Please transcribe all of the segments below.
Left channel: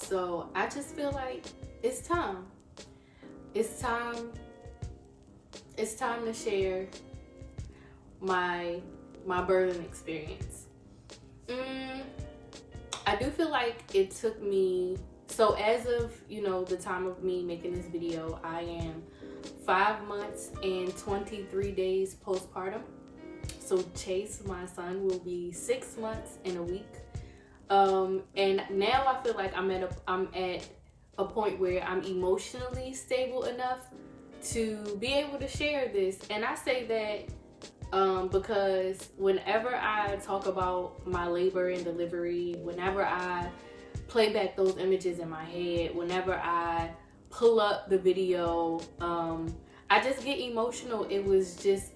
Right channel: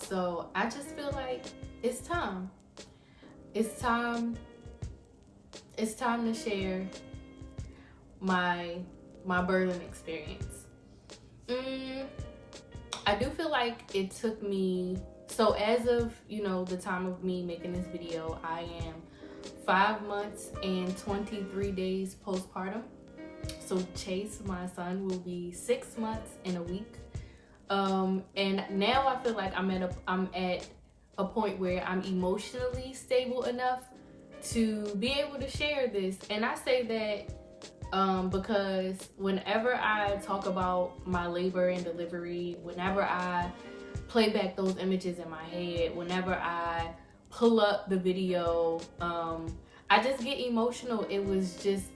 So I just feel like it's time. It's time. It's time to share my birthing experience. I do feel like it took me, so as of, the time of me making this video, I am 5 months and 23 days postpartum. So Chase, my son, will be 6 months in a week. And now I feel like I'm at a point where I'm emotionally stable enough to be able to share this. And I say that because whenever I talk about my labor and delivery, whenever I play back those images in my head, whenever I pull up the video, I just get emotional. It was just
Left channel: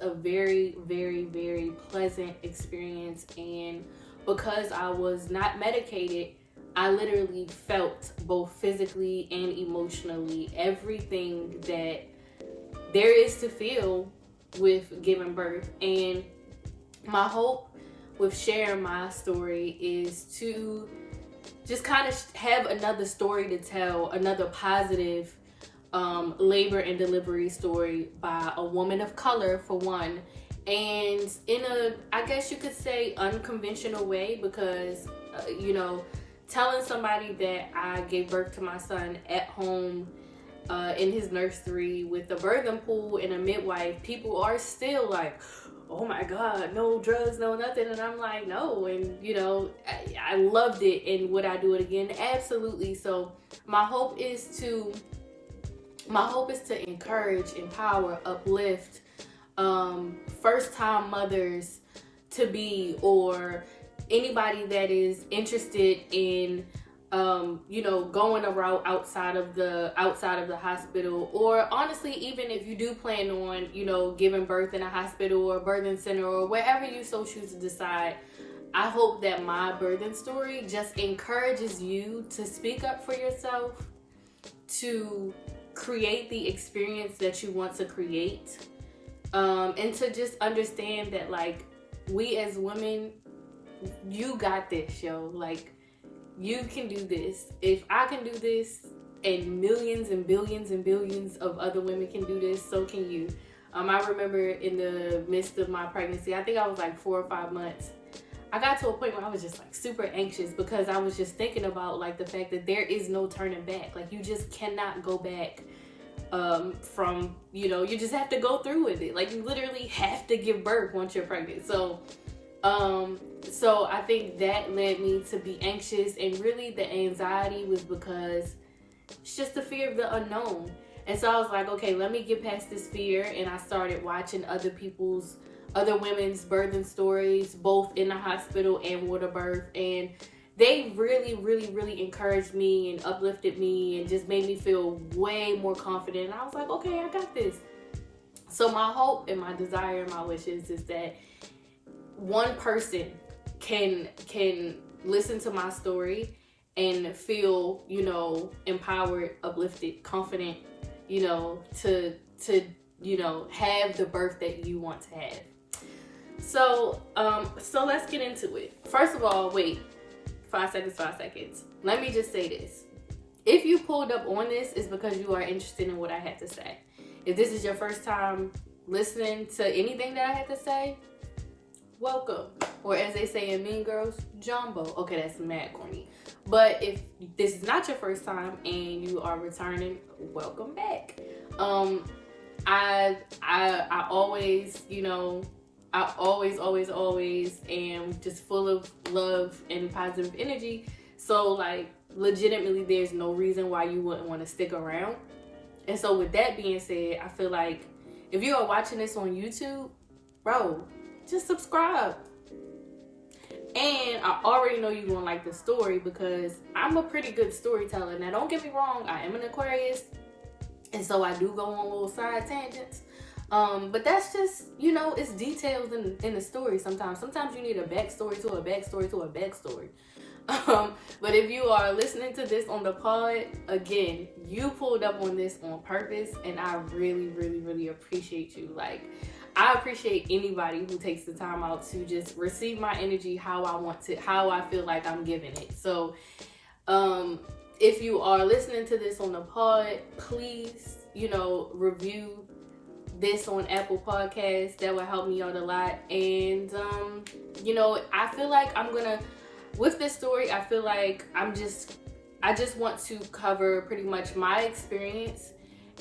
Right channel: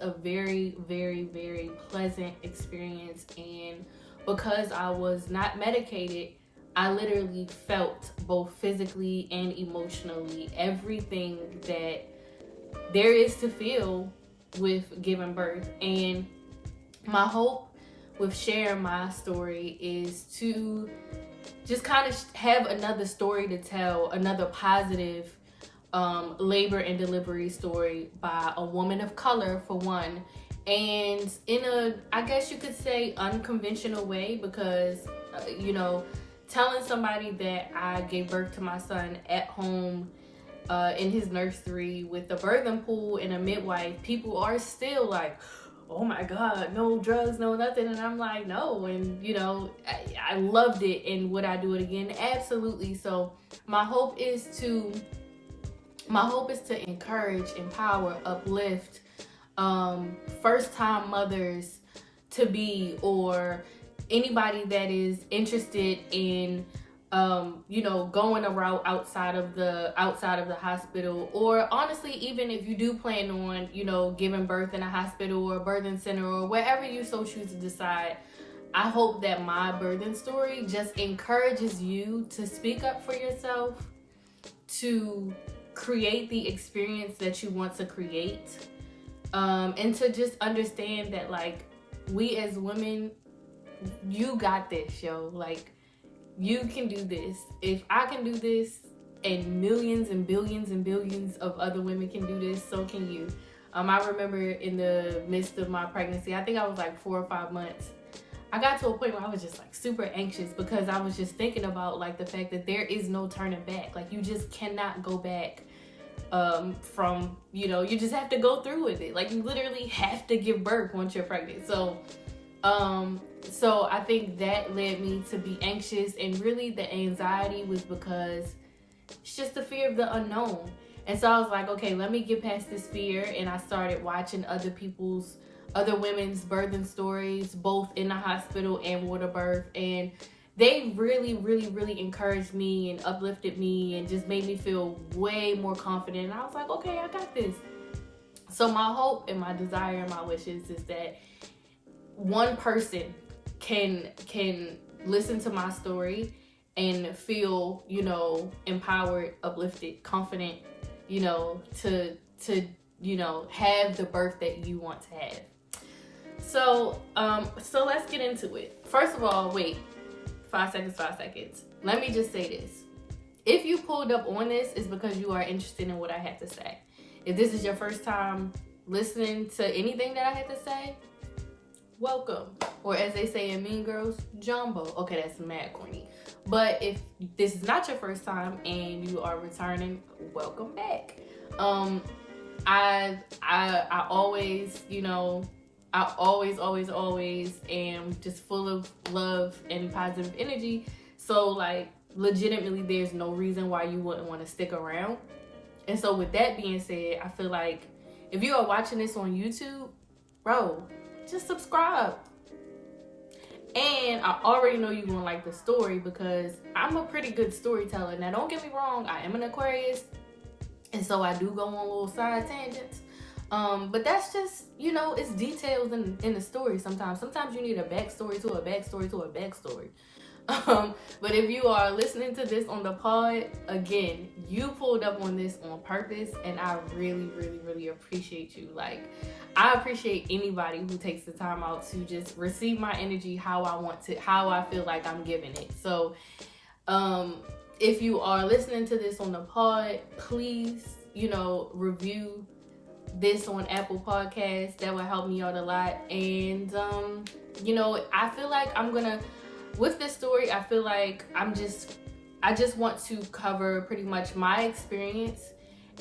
a very, very, very pleasant experience. And because I was not medicated, I literally felt both physically and emotionally everything that there is to feel with giving birth. And my hope with sharing my story is to just kind of have another story to tell, another positive labor and delivery story by a woman of color, for one, and in a, I guess you could say, unconventional way, because telling somebody that I gave birth to my son at home in his nursery with a birthing pool and a midwife, people are still like, oh my God, no drugs, no nothing. And I'm like, no. And I loved it. And would I do it again? Absolutely. So my hope is to encourage, empower, uplift first time mothers to be, or anybody that is interested in going a route outside of the hospital, or honestly, even if you do plan on giving birth in a hospital or a birthing center or wherever you so choose to decide. I hope that my birthing story just encourages you to speak up for yourself, to create the experience that you want to create, and to just understand that, like, we as women, you got this, yo. Like, you can do this. If I can do this, and millions and billions and billions of other women can do this, so can you. I remember in the midst of my pregnancy, I think I was like 4 or 5 months, I got to a point where I was just like super anxious, because I was just thinking about like the fact that there is no turning back. Like, you just cannot go back from, you just have to go through with it. Like, you literally have to give birth once you're pregnant. So I think that led me to be anxious, and really the anxiety was because it's just the fear of the unknown. And so I was like, okay, let me get past this fear. And I started watching other women's birthing stories, both in the hospital and water birth. And they really, really, really encouraged me and uplifted me and just made me feel way more confident. And I was like, okay, I got this. So my hope and my desire and my wishes is that one person can listen to my story and feel, empowered, uplifted, confident, to have the birth that you want to have. So let's get into it. First of all, wait, 5 seconds. Let me just say this. If you pulled up on this, it's because you are interested in what I had to say. If this is your first time listening to anything that I had to say, welcome. Or as they say in Mean Girls, jumbo. Okay, that's mad corny. But if this is not your first time and you are returning, welcome back. I always, I always am just full of love and positive energy. So, like, legitimately, there's no reason why you wouldn't want to stick around. And so with that being said, I feel like if you are watching this on YouTube, bro, just subscribe. And I already know you're gonna like the story, because I'm a pretty good storyteller. Now, don't get me wrong, I am an Aquarius, and so I do go on little side tangents. But that's just, it's details in the story sometimes. Sometimes you need a backstory to a backstory to a backstory. But if you are listening to this on the pod, again, you pulled up on this on purpose, and I really, really, really appreciate you. Like, I appreciate anybody who takes the time out to just receive my energy how I feel like I'm giving it. So If you are listening to this on the pod, please, review this on Apple Podcasts. That would help me out a lot. And I feel like with this story, I feel like I just want to cover pretty much my experience,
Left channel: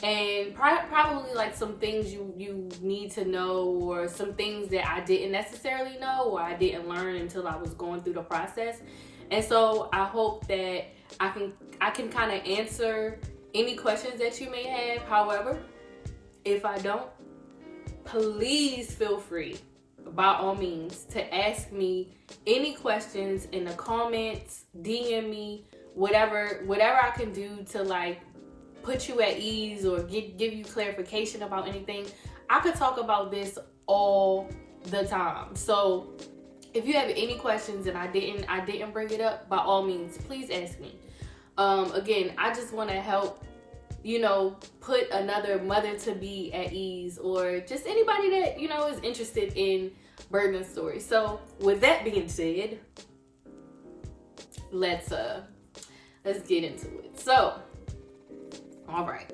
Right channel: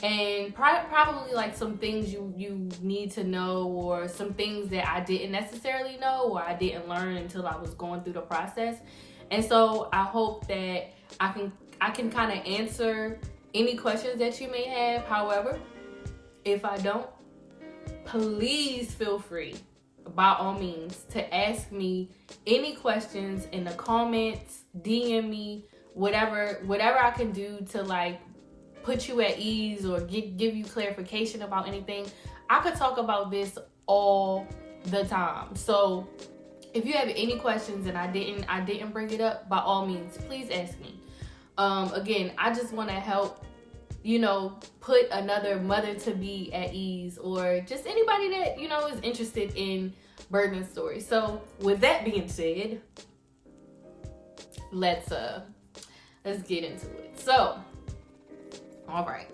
and probably like some things you need to know, or some things that I didn't necessarily know or I didn't learn until I was going through the process. And so I hope that I can kind of answer any questions that you may have. However, if I don't, please feel free, by all means, to ask me any questions in the comments, DM me, whatever I can do to like put you at ease or give you clarification about anything. I could talk about this all the time. So if you have any questions and I didn't bring it up, by all means, please ask me. Again, I just want to help, put another mother to be at ease, or just anybody that, is interested in birthing stories. So with that being said, let's get into it. So, all right.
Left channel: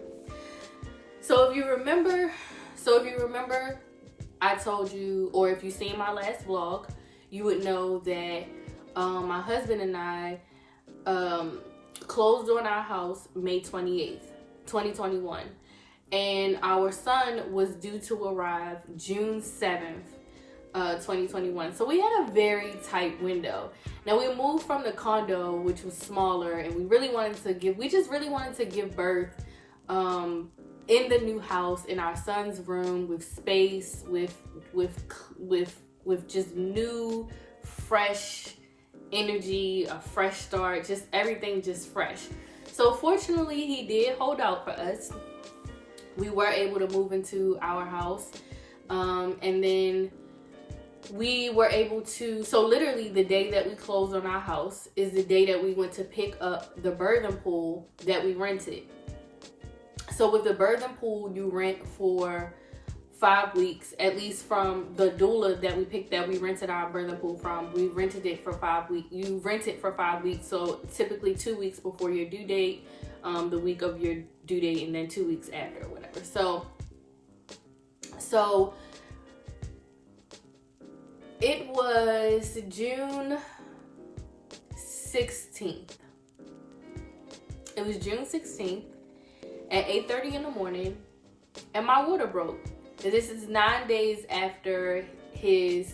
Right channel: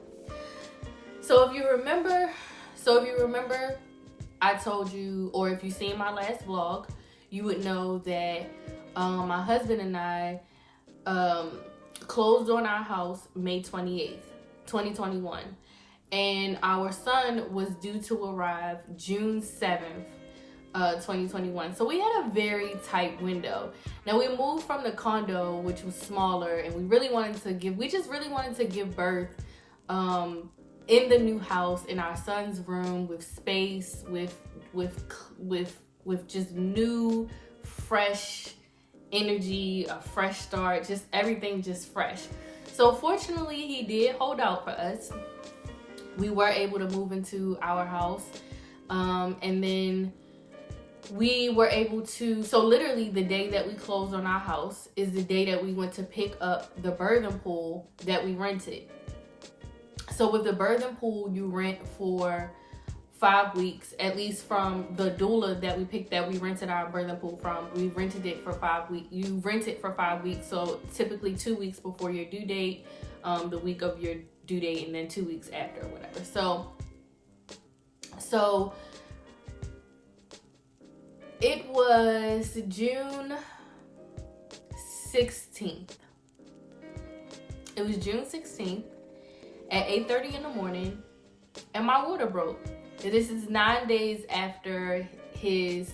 So if you remember, I told you, or if you've seen my last vlog, you would know that my husband and I closed on our house May 28th, 2021. And our son was due to arrive June 7th, 2021. So we had a very tight window. Now we moved from the condo, which was smaller, and we just really wanted to give birth in the new house, in our son's room, with space, with just new, fresh energy, a fresh start, just everything just fresh. So fortunately, he did hold out for us. We were able to move into our house, and then we were able to, so literally the day that we closed on our house is the day that we went to pick up the birthing pool that we rented. So with the birthing pool, you rent for 5 weeks, at least from the doula that we rented our birthing pool from. We rented it for 5 weeks. You rent it for 5 weeks, so typically 2 weeks before your due date, the week of your due date, and then 2 weeks after, or whatever. So it was June 16th. It was June 16th at 8:30 in the morning, and my water broke. This is 9 days after his,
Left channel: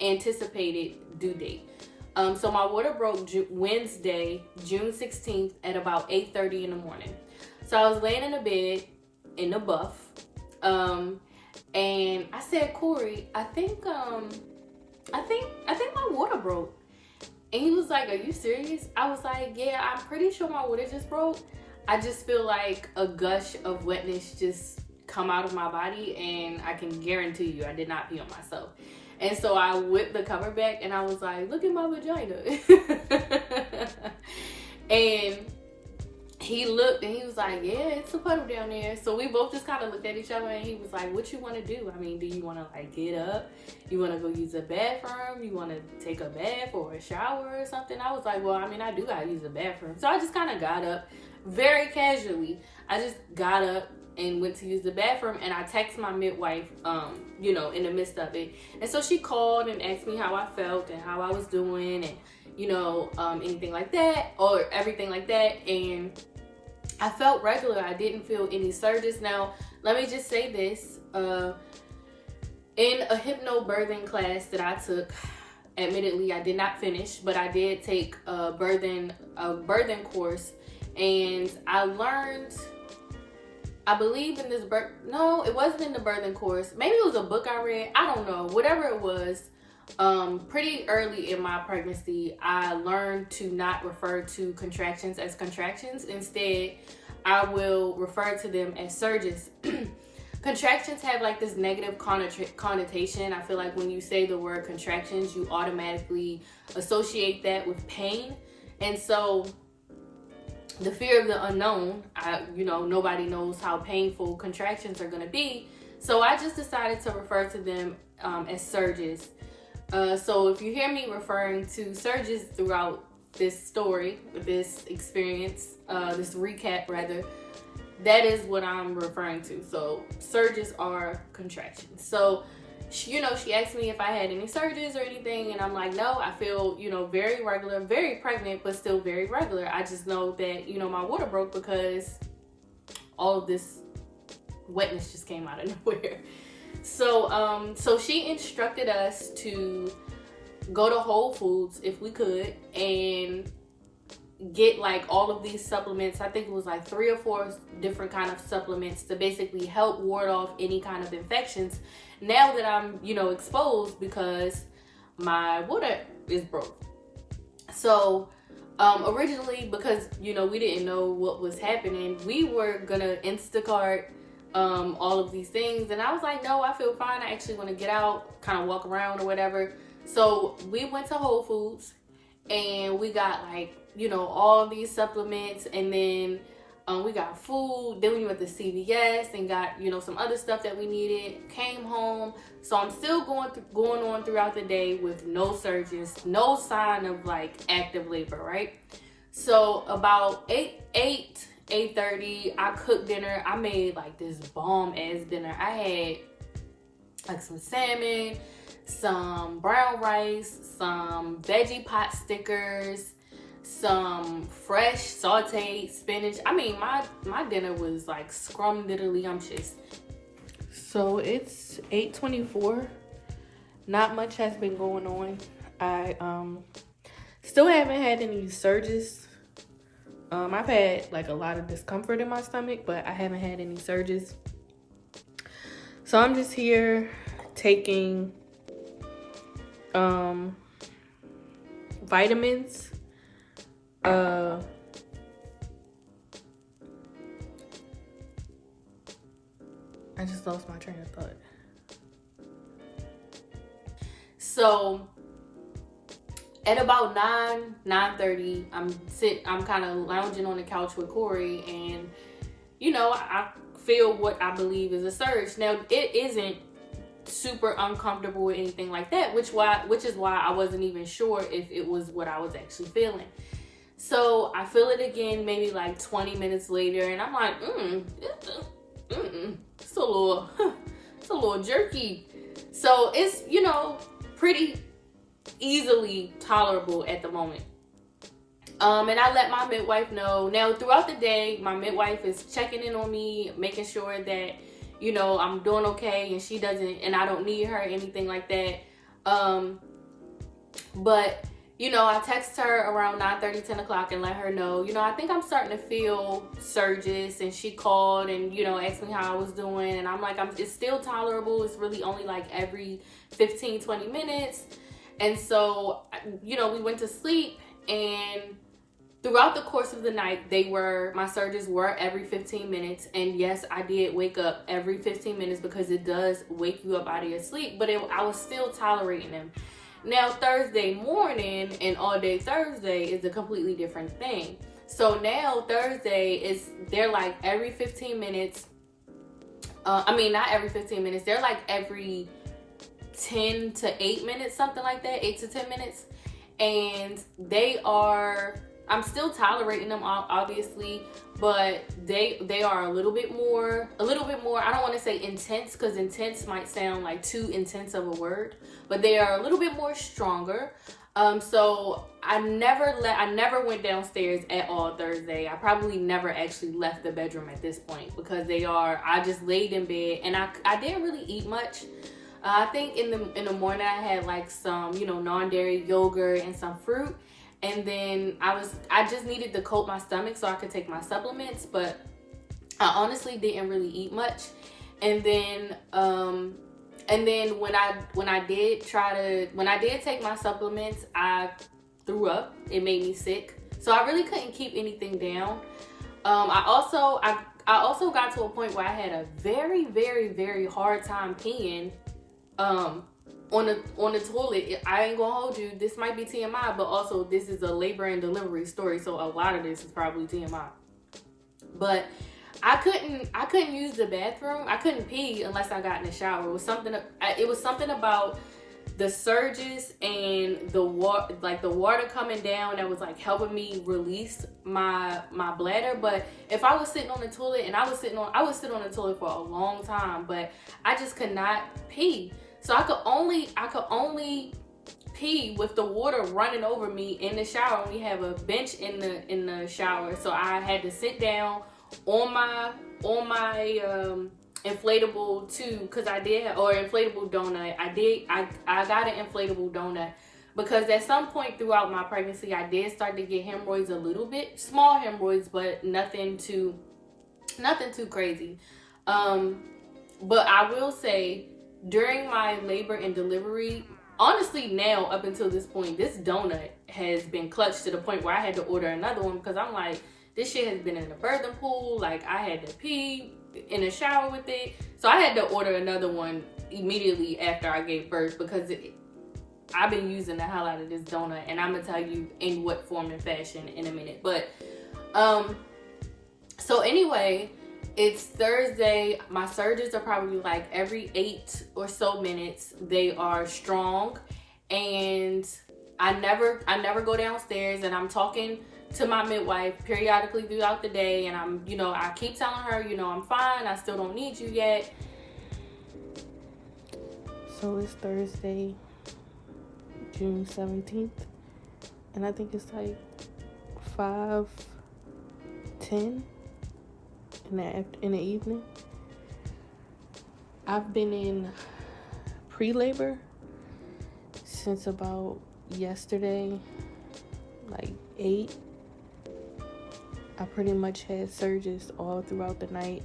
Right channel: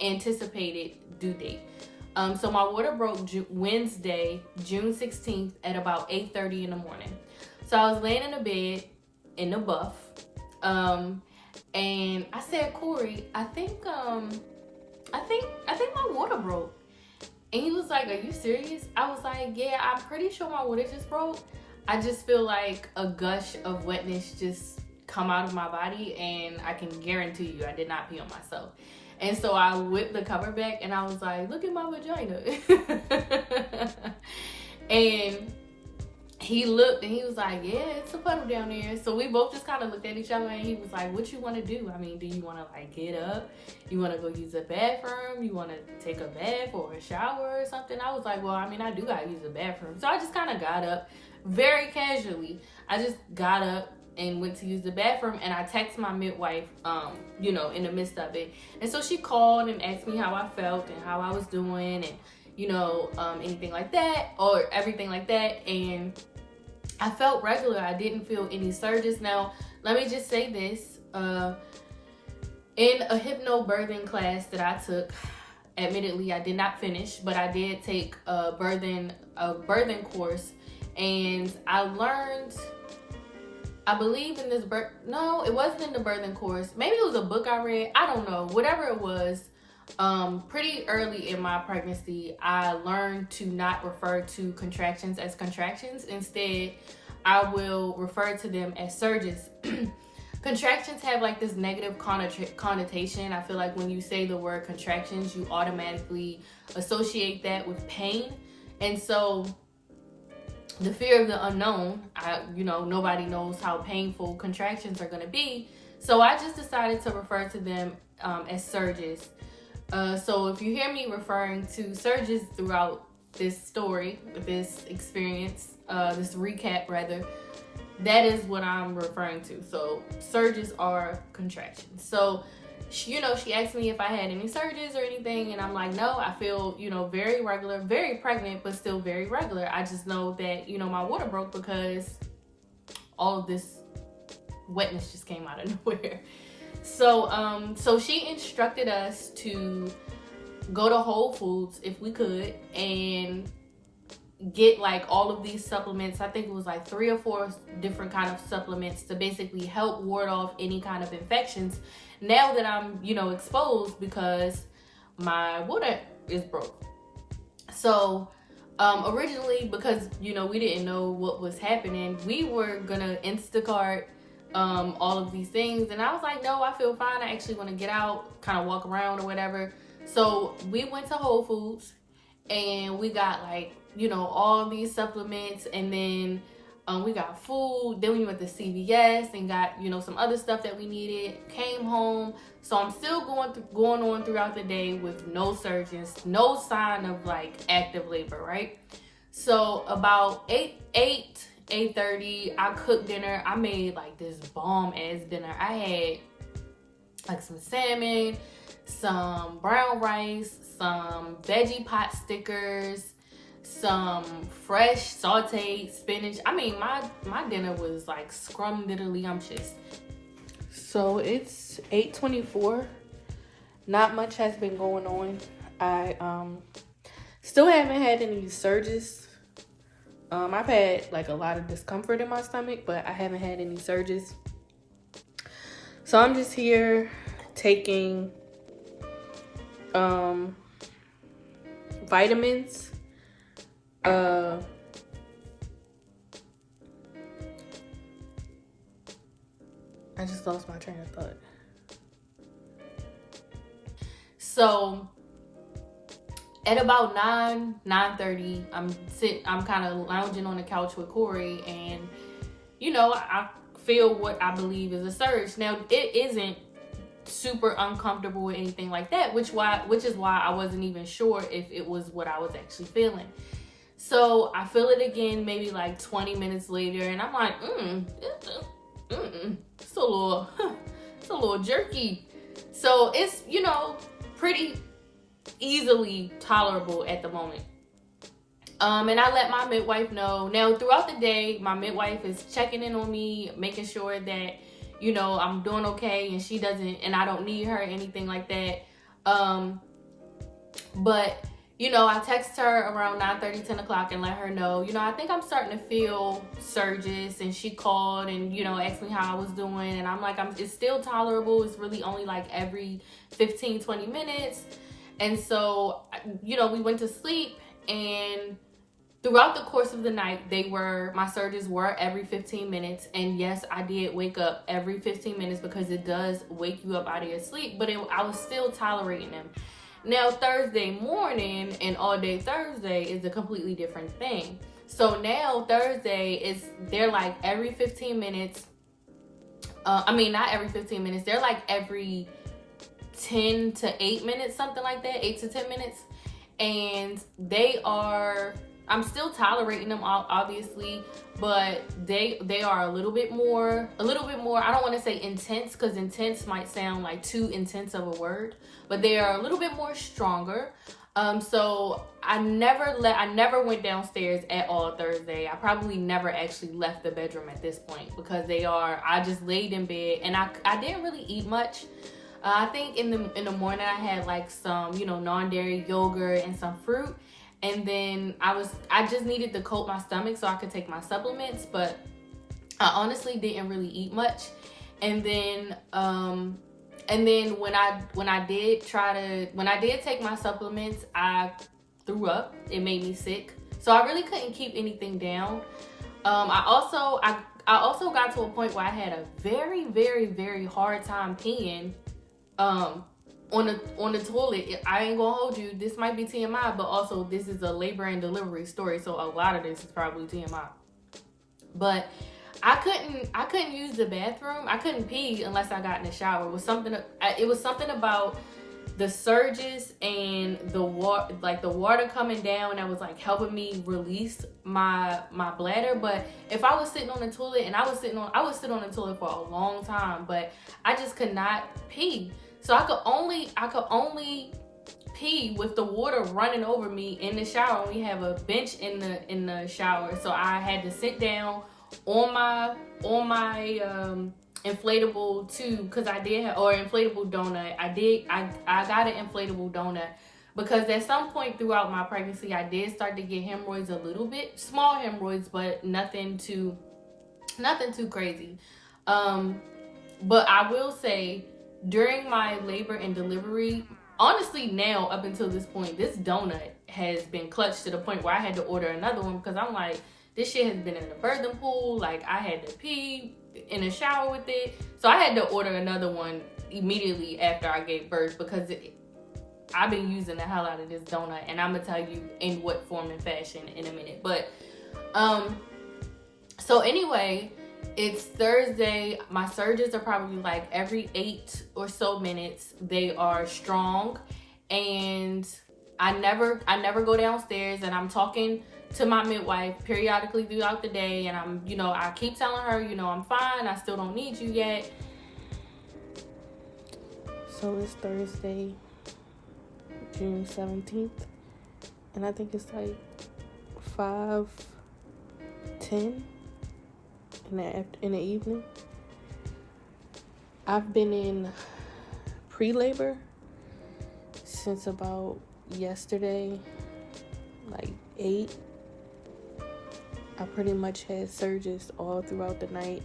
anticipated due date. So my water broke Wednesday, June 16th at about 8:30 in the morning. So I was laying in the bed in the buff, and I said, Corey, I think my water broke. And he was like, are you serious? I was like, yeah, I'm pretty sure my water just broke. I just feel like a gush of wetness just come out of my body, and I can guarantee you I did not pee on myself. And so I whipped the cover back, and I was like, look at my vagina. And he looked, and he was like, yeah, it's a puddle down there. So we both just kind of looked at each other, and he was like, what you want to do? I mean, do you want to like get up? You want to go use the bathroom? You want to take a bath or a shower or something? I was like, well, I mean, I do got to use the bathroom. So I just kind of got up very casually. I just got up and went to use the bathroom, and I texted my midwife, in the midst of it. And so she called and asked me how I felt and how I was doing, and, anything like that, or everything like that. And I felt regular. I didn't feel any surges. Now, let me just say this. In a hypnobirthing class that I took, admittedly, I did not finish, but I did take a birthing course, and I learned, I believe in this no, it wasn't in the birthing course. Maybe it was a book I read. I don't know. Whatever it was, pretty early in my pregnancy, I learned to not refer to contractions as contractions. Instead, I will refer to them as surges. Contractions have like this negative connotation. I feel like when you say the word contractions, you automatically associate that with pain. And so the fear of the unknown, nobody knows how painful contractions are going to be. So I just decided to refer to them as surges. So if you hear me referring to surges throughout story, this experience, this recap rather, that is what I'm referring to. So surges are contractions. So she asked me if I had any surges or anything, and I'm like, no, I feel, very regular, very pregnant, but still very regular. I just know that, my water broke because all of this wetness just came out of nowhere. So she instructed us to go to Whole Foods if we could and get like all of these supplements. I think it was like 3 or 4 different kind of supplements to basically help ward off any kind of infections now that I'm, exposed because my water is broke. So originally, because we didn't know what was happening, we were gonna Instacart all of these things, and I was like, no, I feel fine. I actually want to get out, kind of walk around or whatever. So we went to Whole Foods and we got like, all these supplements, and then we got food. Then we went to CVS and got, some other stuff that we needed. Came home. So I'm still going on throughout the day with no surges, no sign of like active labor, right? So about 8:30, I cooked dinner. I made like this bomb ass dinner. I had like some salmon, some brown rice, some veggie pot stickers, some fresh sauteed spinach. I mean, my dinner was like scrum-diddly-umptious. So it's 8:24. Not much has been going on. I still haven't had any surges. I've had like a lot of discomfort in my stomach, but I haven't had any surges. So I'm just here taking vitamins. I just lost my train of thought. So at about 9:30, I'm kind of lounging on the couch with Corey, and I feel what I believe is a surge. Now it isn't super uncomfortable or anything like that, which is why I wasn't even sure if it was what I was actually feeling. So I feel it again maybe like 20 minutes later, and I'm like, it's a little jerky. So it's, pretty easily tolerable at the moment. And I let my midwife know. Now throughout the day, my midwife is checking in on me, making sure that, I'm doing okay, and and I don't need her or anything like that. But I text her around 9:30, 10 o'clock and let her know, I think I'm starting to feel surges. And she called and, asked me how I was doing. And I'm like, it's still tolerable. It's really only like every 15, 20 minutes. And so, we went to sleep, and throughout the course of the night, my surges were every 15 minutes. And yes, I did wake up every 15 minutes because it does wake you up out of your sleep, but I was still tolerating them. Now, Thursday morning and all day Thursday is a completely different thing. So now Thursday they're like every 15 minutes. Not every 15 minutes. They're like every 10 to 8 minutes, something like that, 8 to 10 minutes. And I'm still tolerating them, obviously, but they are a little bit more, I don't want to say intense, because intense might sound like too intense of a word, but they are a little bit more stronger. So I never went downstairs at all Thursday. I probably never actually left the bedroom at this point, because I just laid in bed, and I didn't really eat much. I think in the morning I had like some, non-dairy yogurt and some fruit. And then I just needed to coat my stomach so I could take my supplements, but I honestly didn't really eat much. And then when I did take my supplements, I threw up. It made me sick. So I really couldn't keep anything down. I also got to a point where I had a very, very, very hard time peeing on the toilet. I ain't gonna hold you. This might be TMI, but also this is a labor and delivery story, so a lot of this is probably TMI. But I couldn't use the bathroom. I couldn't pee unless I got in the shower. It was something about the surges and the water, like the water coming down, that was like helping me release my bladder. But if I was sitting on the toilet, and I would sit on the toilet for a long time, but I just could not pee. So I could only pee with the water running over me in the shower. We have a bench in the shower, so I had to sit down on my inflatable tube, because I did have, or inflatable donut. I got an inflatable donut because at some point throughout my pregnancy I did start to get hemorrhoids, a little bit, small hemorrhoids, but nothing too crazy. But I will say, during my labor and delivery, honestly, now up until this point, this donut has been clutched to the point where I had to order another one, because I'm like, this shit has been in the birthing pool. Like, I had to pee in the shower with it. So I had to order another one immediately after I gave birth, because I've been using the hell out of this donut, and I'm gonna tell you in what form and fashion in a minute. But so anyway, it's Thursday. My surges are probably like every 8 or so minutes. They are strong, and I never go downstairs, and I'm talking to my midwife periodically throughout the day, and I'm, I keep telling her, I'm fine, I still don't need you yet. So it's Thursday, June 17th, and I think it's like 5:10 in the evening. I've been in pre-labor since about yesterday, like 8. I pretty much had surges all throughout the night.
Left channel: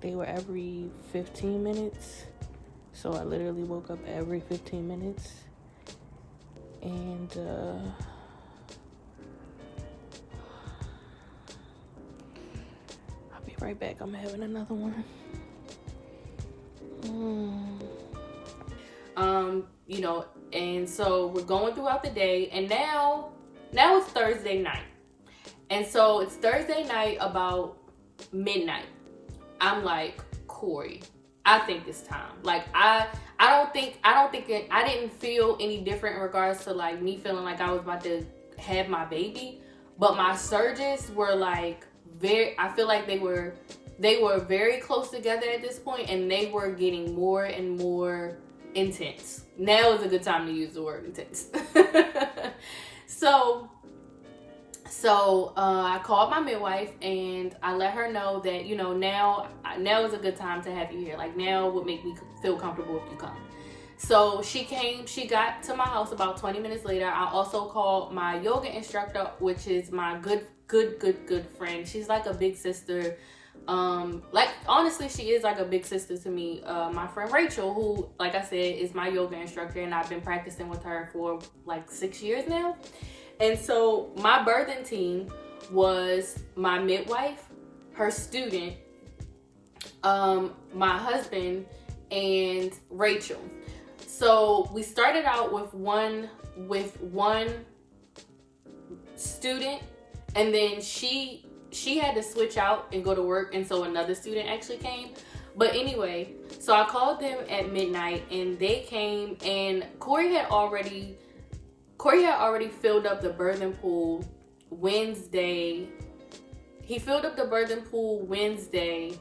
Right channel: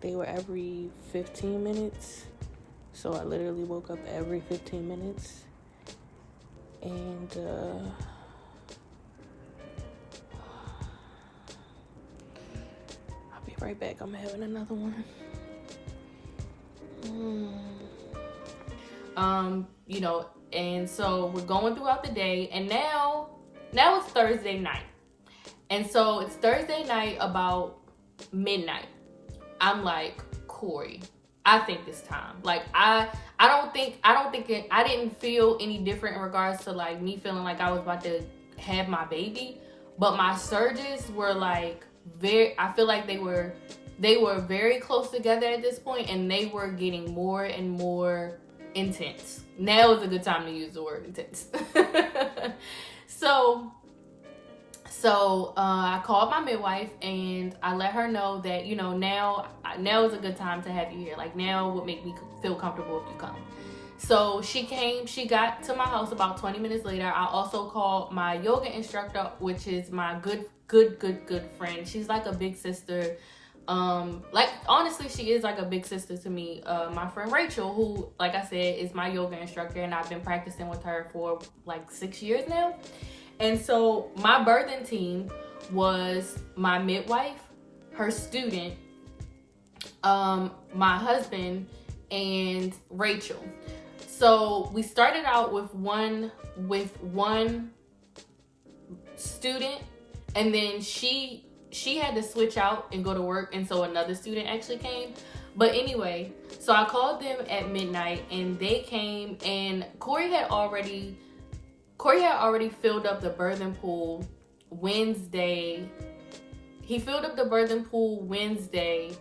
They were every 15 minutes. So I literally woke up every 15 minutes. And I'll be right back. I'm having another one. And so we're going throughout the day, and now it's Thursday night. And so it's Thursday night about midnight. I'm like, Corey, I think it's time. Like, I didn't feel any different in regards to like me feeling like I was about to have my baby, but my surges were like I feel like they were very close together at this point, and they were getting more and more intense. Now is a good time to use the word intense. So I called my midwife, and I let her know that, now is a good time to have you here. Like, now would make me feel comfortable if you come. So she got to my house about 20 minutes later. I also called my yoga instructor, which is my good friend. She's like a big sister. Like, honestly, she is like a big sister to me. My friend Rachel, who, like I said, is my yoga instructor, and I've been practicing with her for like 6 years now. And so my birthing team was my midwife, her student, my husband, and Rachel. So we started out with one student, and then she had to switch out and go to work, and so another student actually came. But anyway, so I called them at midnight, and they came, and Corey had already filled up the birthing pool Wednesday. He filled up the birthing pool Wednesday,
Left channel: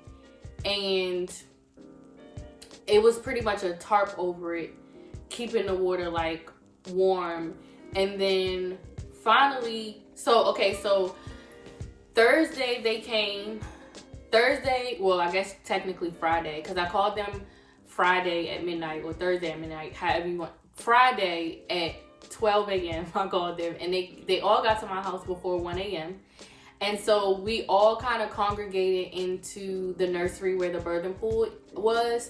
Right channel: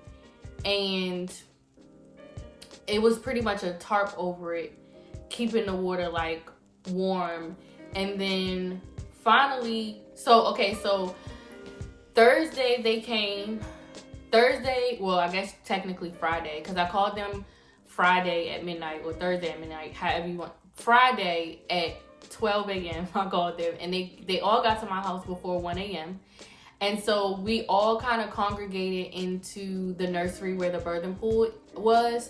and it was pretty much a tarp over it, keeping the water like warm. And then finally, so Thursday they came. Well, I guess technically Friday, because I called them Friday at midnight, or Thursday at midnight, however you want. Friday at 12 a.m. I called them, and they all got to my house before 1 a.m. And so we all kind of congregated into the nursery where the birthing pool was.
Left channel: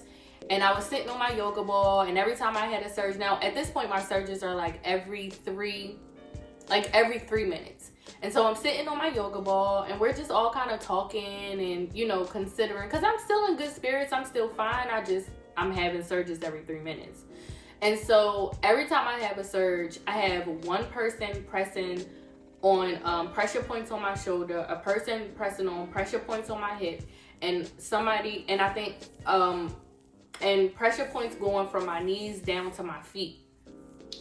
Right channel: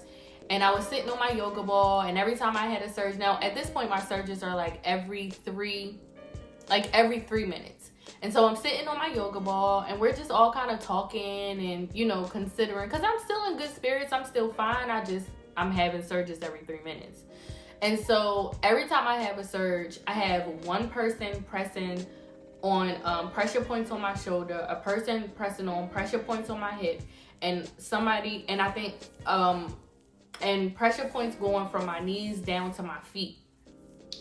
And I was sitting on my yoga ball, and every time I had a surge, now at this point my surges are like every 3 minutes. And so I'm sitting on my yoga ball, and we're just all kind of talking and, considering, because I'm still in good spirits, I'm still fine, I'm having surges every 3 minutes. And so every time I have a surge, I have one person pressing on pressure points on my shoulder, a person pressing on pressure points on my hip, and somebody, and I think, and pressure points going from my knees down to my feet.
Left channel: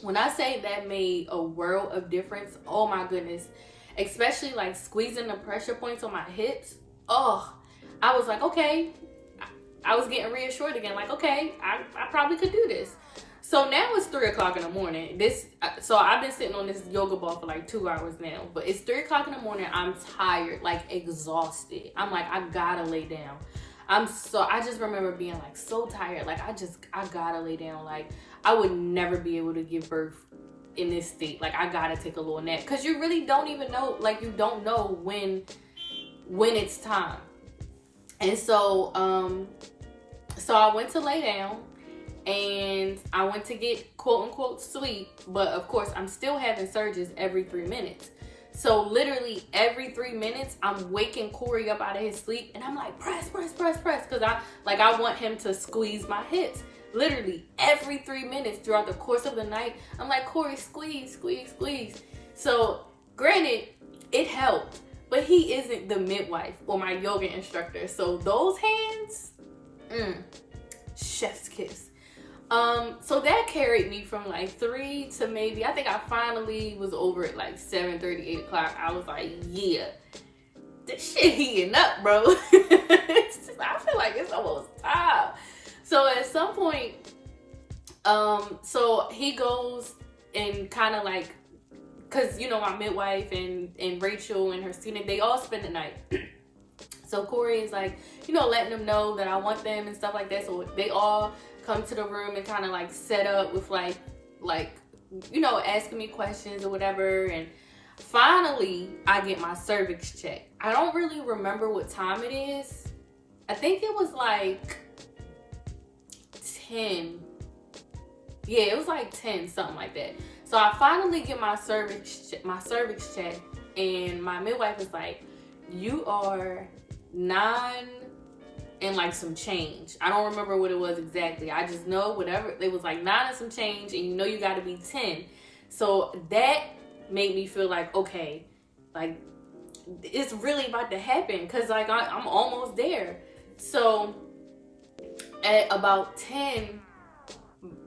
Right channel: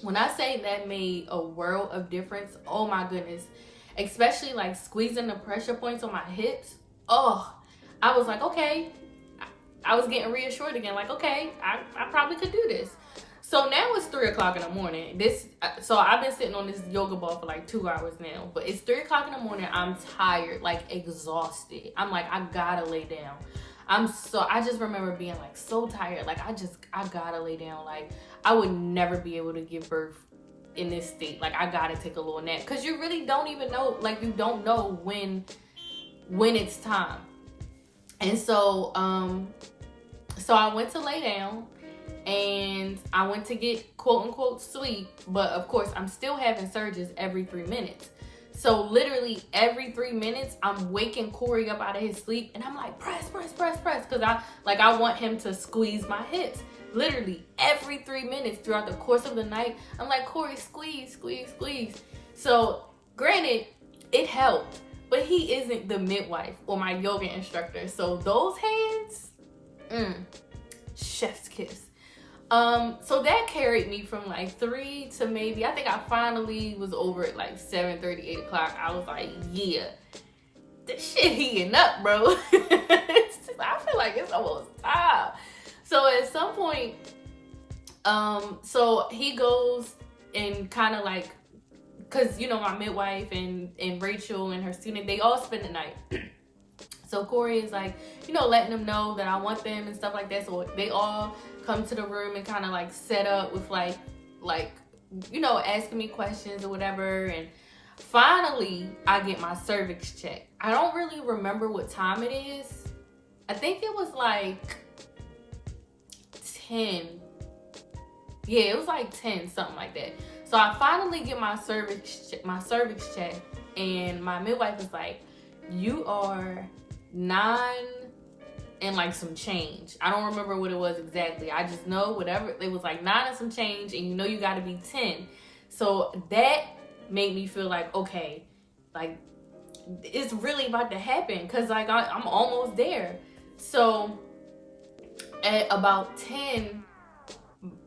When I say that made a world of difference, oh my goodness. Especially like squeezing the pressure points on my hips. Oh, I was like, okay. I was getting reassured again. Like, okay, I probably could do this. So now it's 3 o'clock in the morning. So I've been sitting on this yoga ball for like 2 hours now. But it's 3 o'clock in the morning. I'm tired, like exhausted. I'm like, I gotta lay down. I just remember being like so tired. Like I gotta lay down. Like I would never be able to give birth in this state. Like I gotta take a little nap. Cause you really don't even know, like you don't know when it's time. And so I went to lay down and I went to get quote unquote sleep. But of course I'm still having surges every 3 minutes. So literally every 3 minutes, I'm waking Corey up out of his sleep, and I'm like, press, because I want him to squeeze my hips. Literally every 3 minutes throughout the course of the night, I'm like, Corey, squeeze. So granted, it helped, but he isn't the midwife or my yoga instructor. So those hands, chef's kiss. So that carried me from like 3 to maybe, I think I finally was over at like 7:30, 8 o'clock. I was like, yeah, this shit heating up, bro. I feel like it's almost time. So at some point, so he goes and kind of like, cause you know, my midwife and Rachel and her student, they all spend the night. So Corey is like, you know, letting them know that I want them and stuff like that. So they all come to the room and kind of like set up with like, you know, asking me questions or whatever. And finally I get my cervix checked. I don't really remember what time it is. I think it was like 10. Yeah, it was like 10, something like that. So I finally get my cervix checked, and my midwife is like, you are 9 and like some change. I don't remember what it was exactly. I just know whatever, it was like 9 and some change, and you know you got to be 10. So that made me feel like, okay, like it's really about to happen, because like I'm almost there. So at about 10,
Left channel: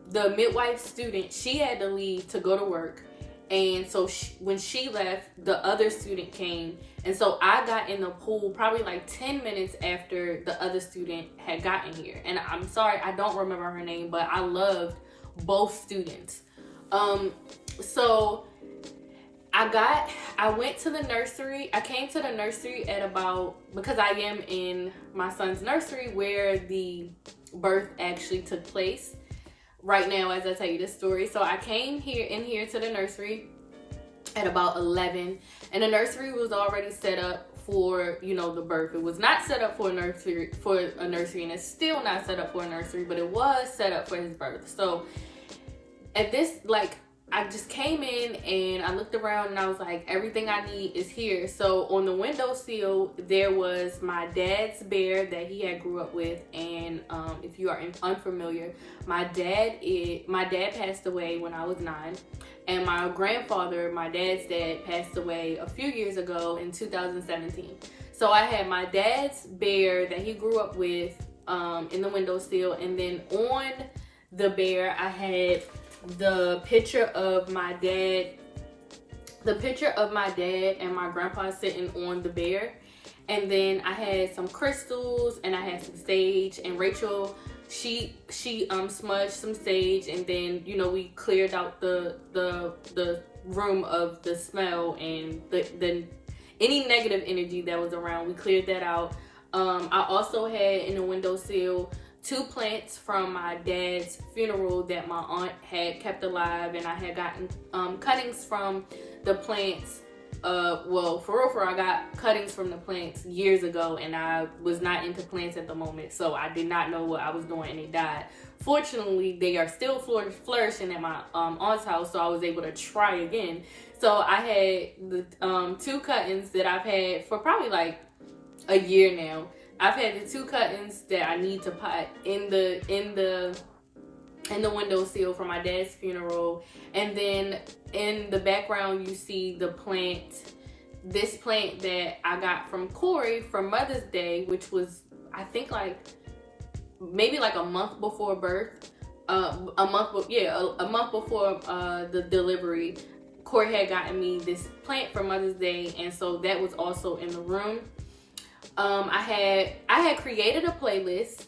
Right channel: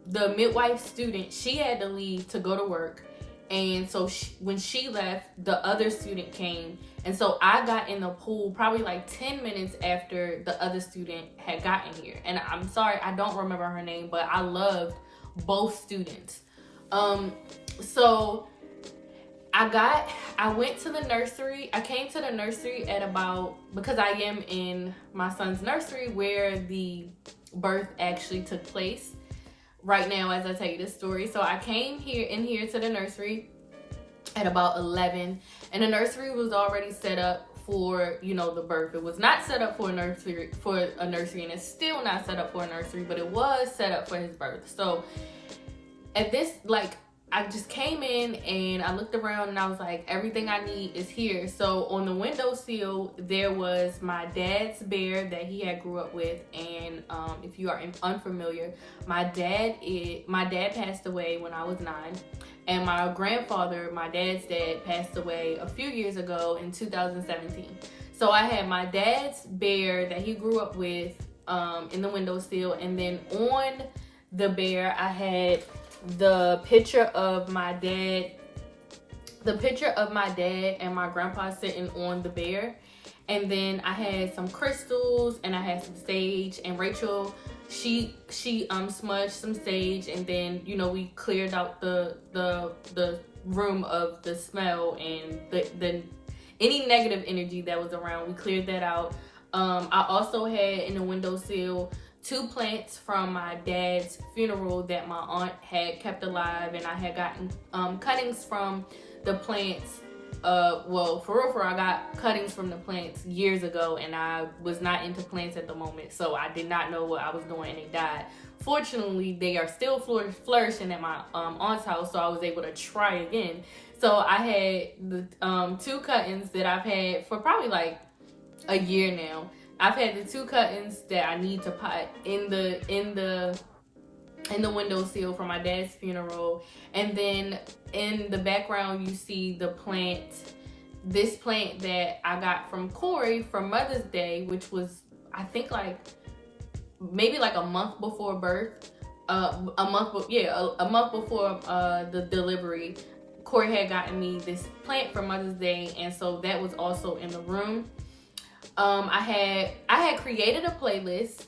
the midwife student, she had to leave to go to work. And so when she left, the other student came. And so I got in the pool probably like 10 minutes after the other student had gotten here. And I'm sorry, I don't remember her name, but I loved both students. So I went to the nursery. I came to the nursery at about, because I am in my son's nursery where the birth actually took place right now as I tell you this story. So I came here to the nursery at about 11, and the nursery was already set up for, you know, the birth. It was not set up for a nursery, and it's still not set up for a nursery, but it was set up for his birth. So at this, like, I just came in and I looked around and I was like, everything I need is here. So on the windowsill, there was my dad's bear that he had grew up with. And if you are unfamiliar, my dad passed away when I was 9. And my grandfather, my dad's dad, passed away a few years ago in 2017. So I had my dad's bear that he grew up with in the windowsill. And then on the bear, I had the picture of my dad and my grandpa sitting on the bear. And then I had some crystals and I had some sage, and Rachel, she smudged some sage, and then, you know, we cleared out the room of the smell and the any negative energy that was around. We cleared that out. I also had in the windowsill 2 plants from my dad's funeral that my aunt had kept alive, and I had gotten cuttings from the plants. Well, for real, I got cuttings from the plants years ago, and I was not into plants at the moment, so I did not know what I was doing, and they died. Fortunately, they are still flourishing at my aunt's house, so I was able to try again. So I had the 2 cuttings that I've had for probably like a year now. I've had the 2 cuttings that I need to pot in the windowsill for my dad's funeral. And then in the background, you see this plant that I got from Corey for Mother's Day, which was, I think, like maybe like a month before birth. a month before the delivery, Corey had gotten me this plant for Mother's Day, and so that was also in the room. I had created a playlist.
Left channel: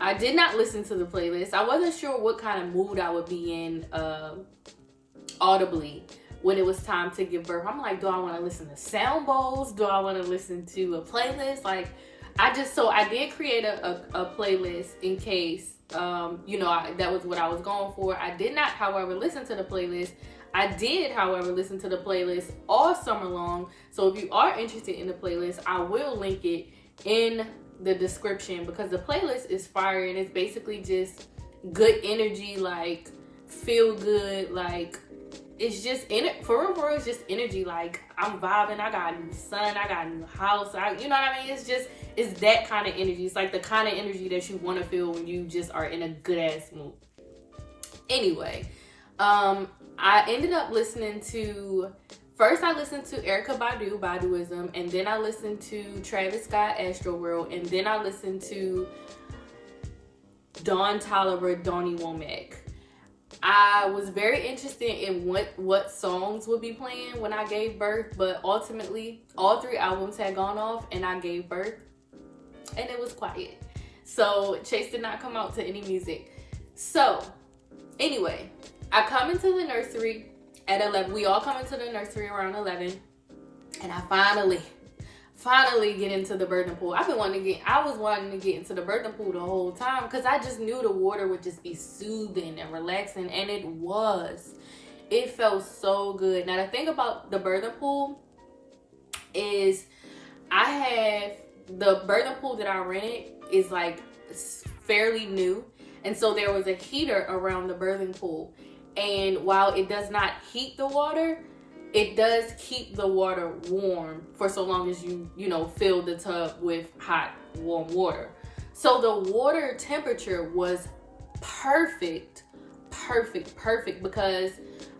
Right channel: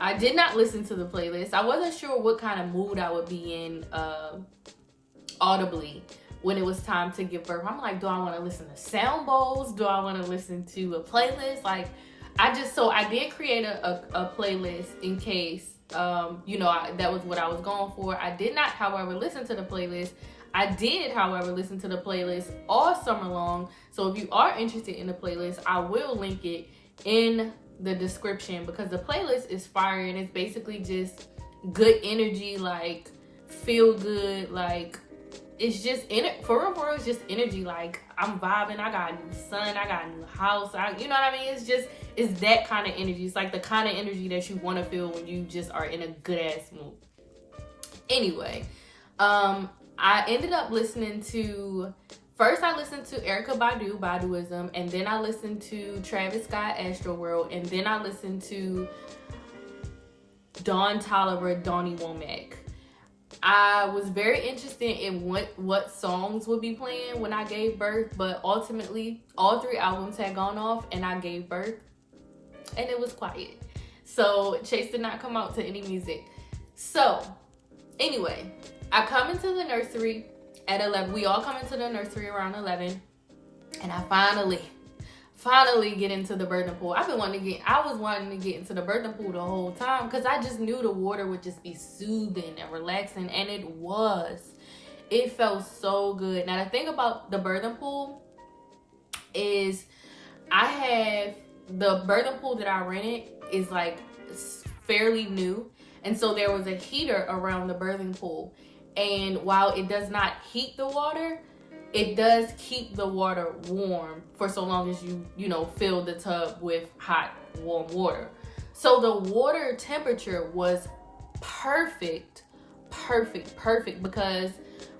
I did not listen to the playlist. I wasn't sure what kind of mood I would be in audibly when it was time to give birth. I'm like, do I want to listen to sound bowls? Do I want to listen to a playlist? Like, I did create a playlist in case, that was what I was going for. I did not, however, listen to the playlist. I did, however, listen to the playlist all summer long. So if you are interested in the playlist, I will link it in the description, because the playlist is fire and it's basically just good energy, like feel good, like it's just for real, it's just energy. Like, I'm vibing, I got a new son, I got a new house, you know what I mean? It's that kind of energy. It's like the kind of energy that you want to feel when you just are in a good ass mood. Anyway, I ended up listening to, first I listened to Erykah Badu, Baduism, and then I listened to Travis Scott, Astroworld, and then I listened to Dawn Tolliver, Donny Womack. I was very interested in what songs would be playing when I gave birth, but ultimately all 3 albums had gone off and I gave birth and it was quiet. So Chase did not come out to any music. So anyway, I come into the nursery at 11. We all come into the nursery around 11, and I finally get into the birthing pool. I was wanting to get into the birthing pool the whole time, because I just knew the water would just be soothing and relaxing, and it was. It felt so good. Now the thing about the birthing pool is the birthing pool that I rented is like fairly new, and so there was a heater around the birthing pool. And while it does not heat the water, it does keep the water warm for so long as you fill the tub with hot, warm water. So the water temperature was perfect, because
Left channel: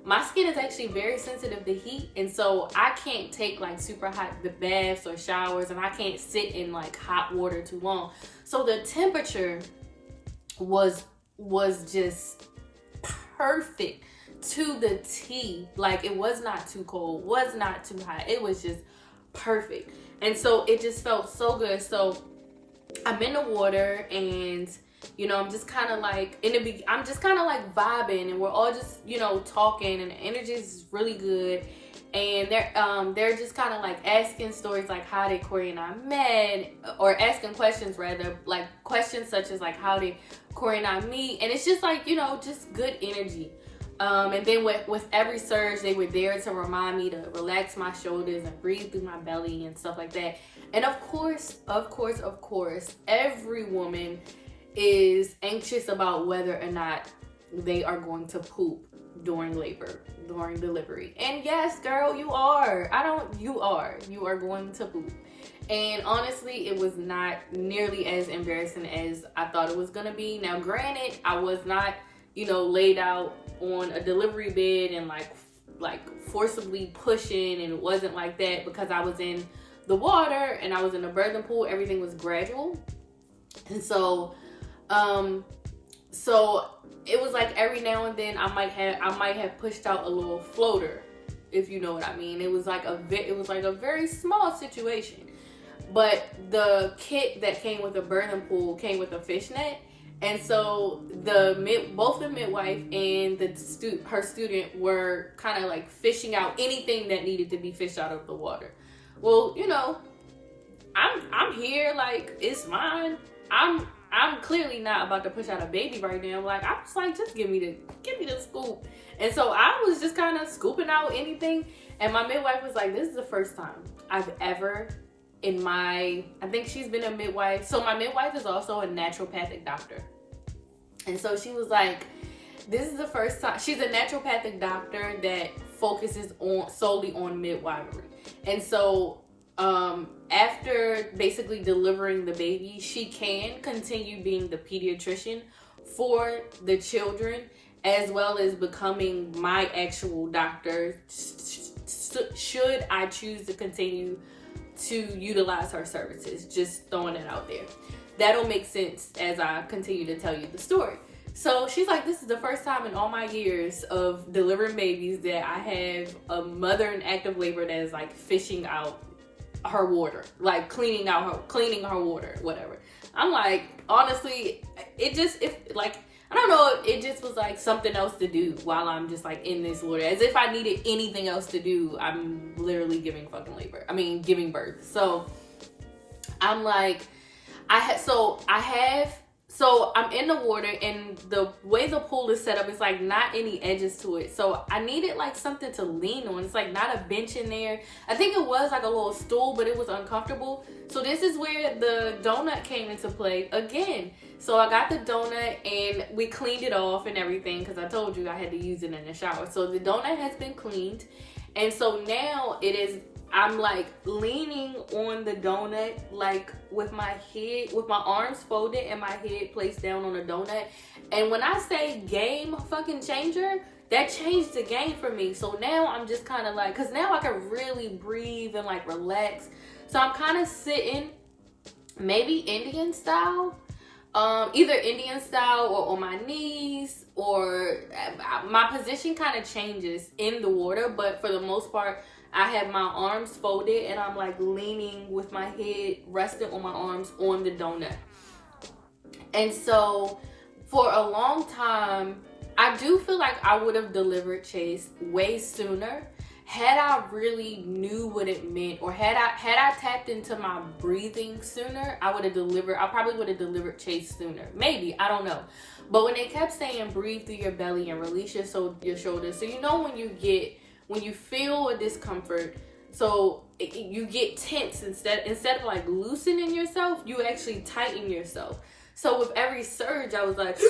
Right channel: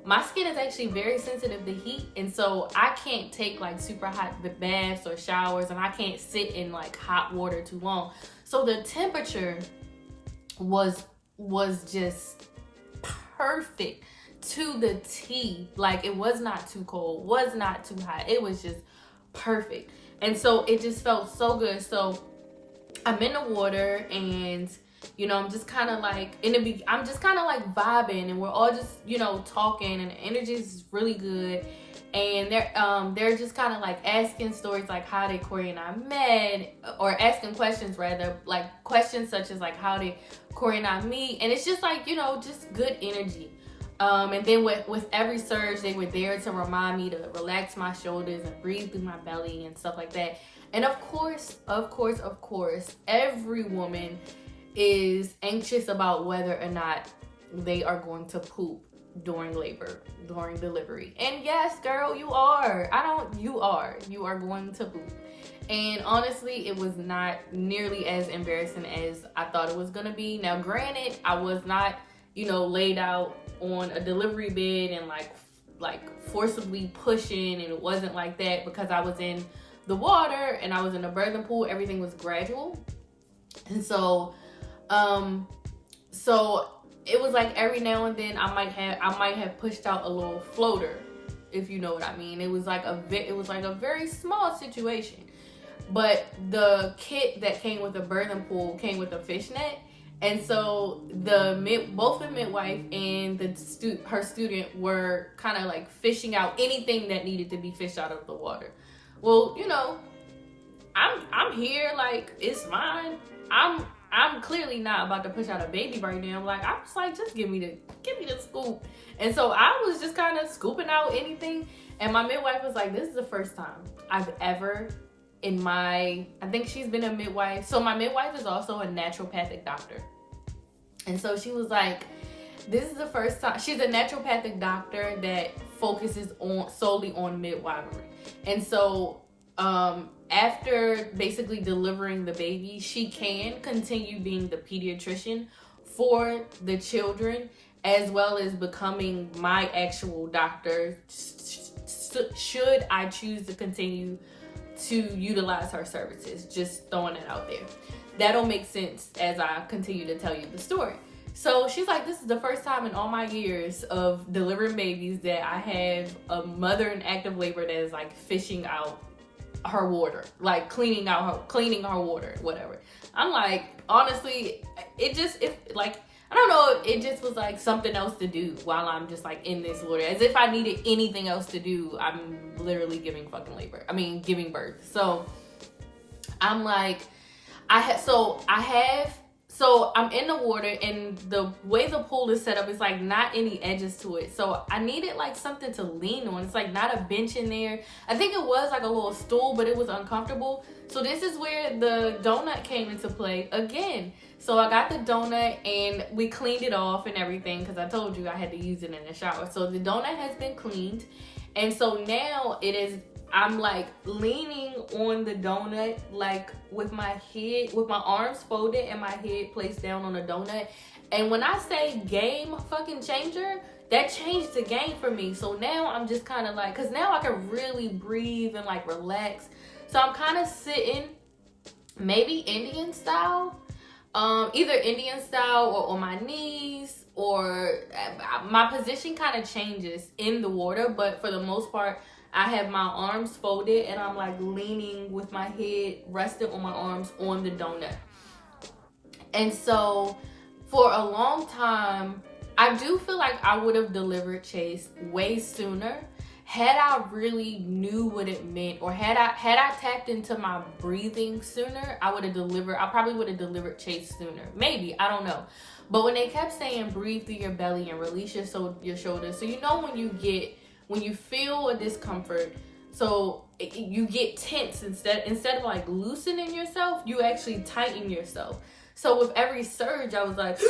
my skin is actually very sensitive to heat. And so I can't take like super hot baths or showers, and I can't sit in like hot water too long. So the temperature was just perfect to the T. Like, it was not too cold, was not too hot. It was just perfect. And so it just felt so good. So I'm in the water, and I'm just kind of like I'm just kind of like vibing, and we're all just talking, and the energy is really good. And they're just kind of like asking stories, like how did Corey and I met, or asking questions rather, like questions such as like how did Corey and I meet. And it's just like just good energy. And then with every surge, they were there to remind me to relax my shoulders and breathe through my belly and stuff like that. And of course, every woman is anxious about whether or not they are going to poop during labor, during delivery. And yes, girl, you are. You are going to poop. And honestly, it was not nearly as embarrassing as I thought it was gonna be. Now, granted, I was not, laid out on a delivery bed and like forcibly pushing, and it wasn't like that, because I was in the water and I was in the birthing pool. Everything was gradual. And so it was like every now and then I might have pushed out a little floater, if you know what I mean. It was like a very small situation. But the kit that came with the birthing pool came with a fishnet. And so both the midwife and her student were kind of like fishing out anything that needed to be fished out of the water. Well, I'm here, like, it's fine. I'm clearly not about to push out a baby right now. Like, I was like, just give me the scoop. And so I was just kind of scooping out anything. And my midwife was like, this is the first time I've ever I think she's been a midwife. So my midwife is also a naturopathic doctor. And so she was like, this is the first time. She's a naturopathic doctor that focuses solely on midwifery. And so after basically delivering the baby, she can continue being the pediatrician for the children, as well as becoming my actual doctor, should I choose to continue to utilize her services. Just throwing it out there. That'll make sense as I continue to tell you the story. So she's like, this is the first time in all my years of delivering babies that I have a mother in active labor that is like fishing out her water, like cleaning her water, whatever. I'm like, honestly, I don't know, it just was like something else to do while I'm just like in this water. As if I needed anything else to do. I'm literally giving birth. So I'm like, so I'm in the water, and the way the pool is set up, it's like not any edges to it. So I needed like something to lean on. It's like not a bench in there. I think it was like a little stool, but it was uncomfortable. So this is where the donut came into play again. So I got the donut and we cleaned it off and everything, because I told you I had to use it in the shower. So the donut has been cleaned. And so now I'm like leaning on the donut, like with my arms folded and my head placed down on the donut. And when I say game fucking changer, that changed the game for me. So now I'm just kind of like, because now I can really breathe and like relax. So I'm kind of sitting, maybe Indian style, either Indian style or on my knees, or my position kind of changes in the water. But for the most part, I have my arms folded and I'm like leaning with my head resting on my arms on the donut. And so for a long time, I do feel like I would have delivered Chase way sooner had I really knew what it meant, or had I tapped into my breathing sooner. I probably would have delivered Chase sooner. Maybe, I don't know. But when they kept saying breathe through your belly and release your shoulders, so you know when you feel a discomfort, so you get tense, instead of like loosening yourself, you actually tighten yourself. So with every surge, I was like,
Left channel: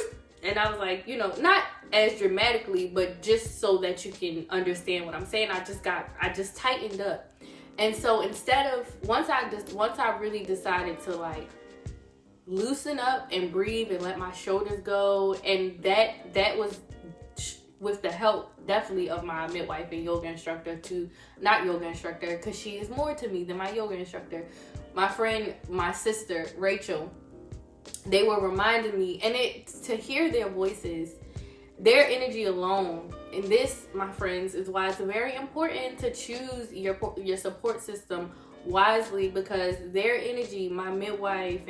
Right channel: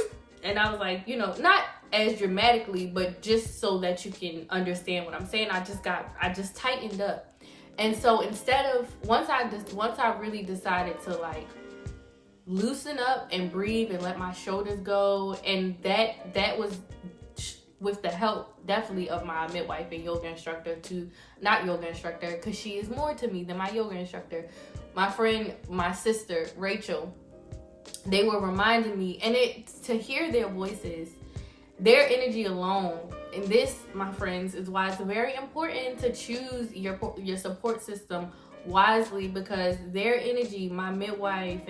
and I was like, not as dramatically, but just so that you can understand what I'm saying, I just tightened up. And so instead of, once I really decided to like loosen up and breathe and let my shoulders go, and that was with the help definitely of my midwife and yoga instructor, not yoga instructor, because she is more to me than my yoga instructor, my friend, my sister Rachel. They were reminding me, and to hear their voices, their energy alone, and this, my friends, is why it's very important to choose your support system wisely, because their energy, my midwife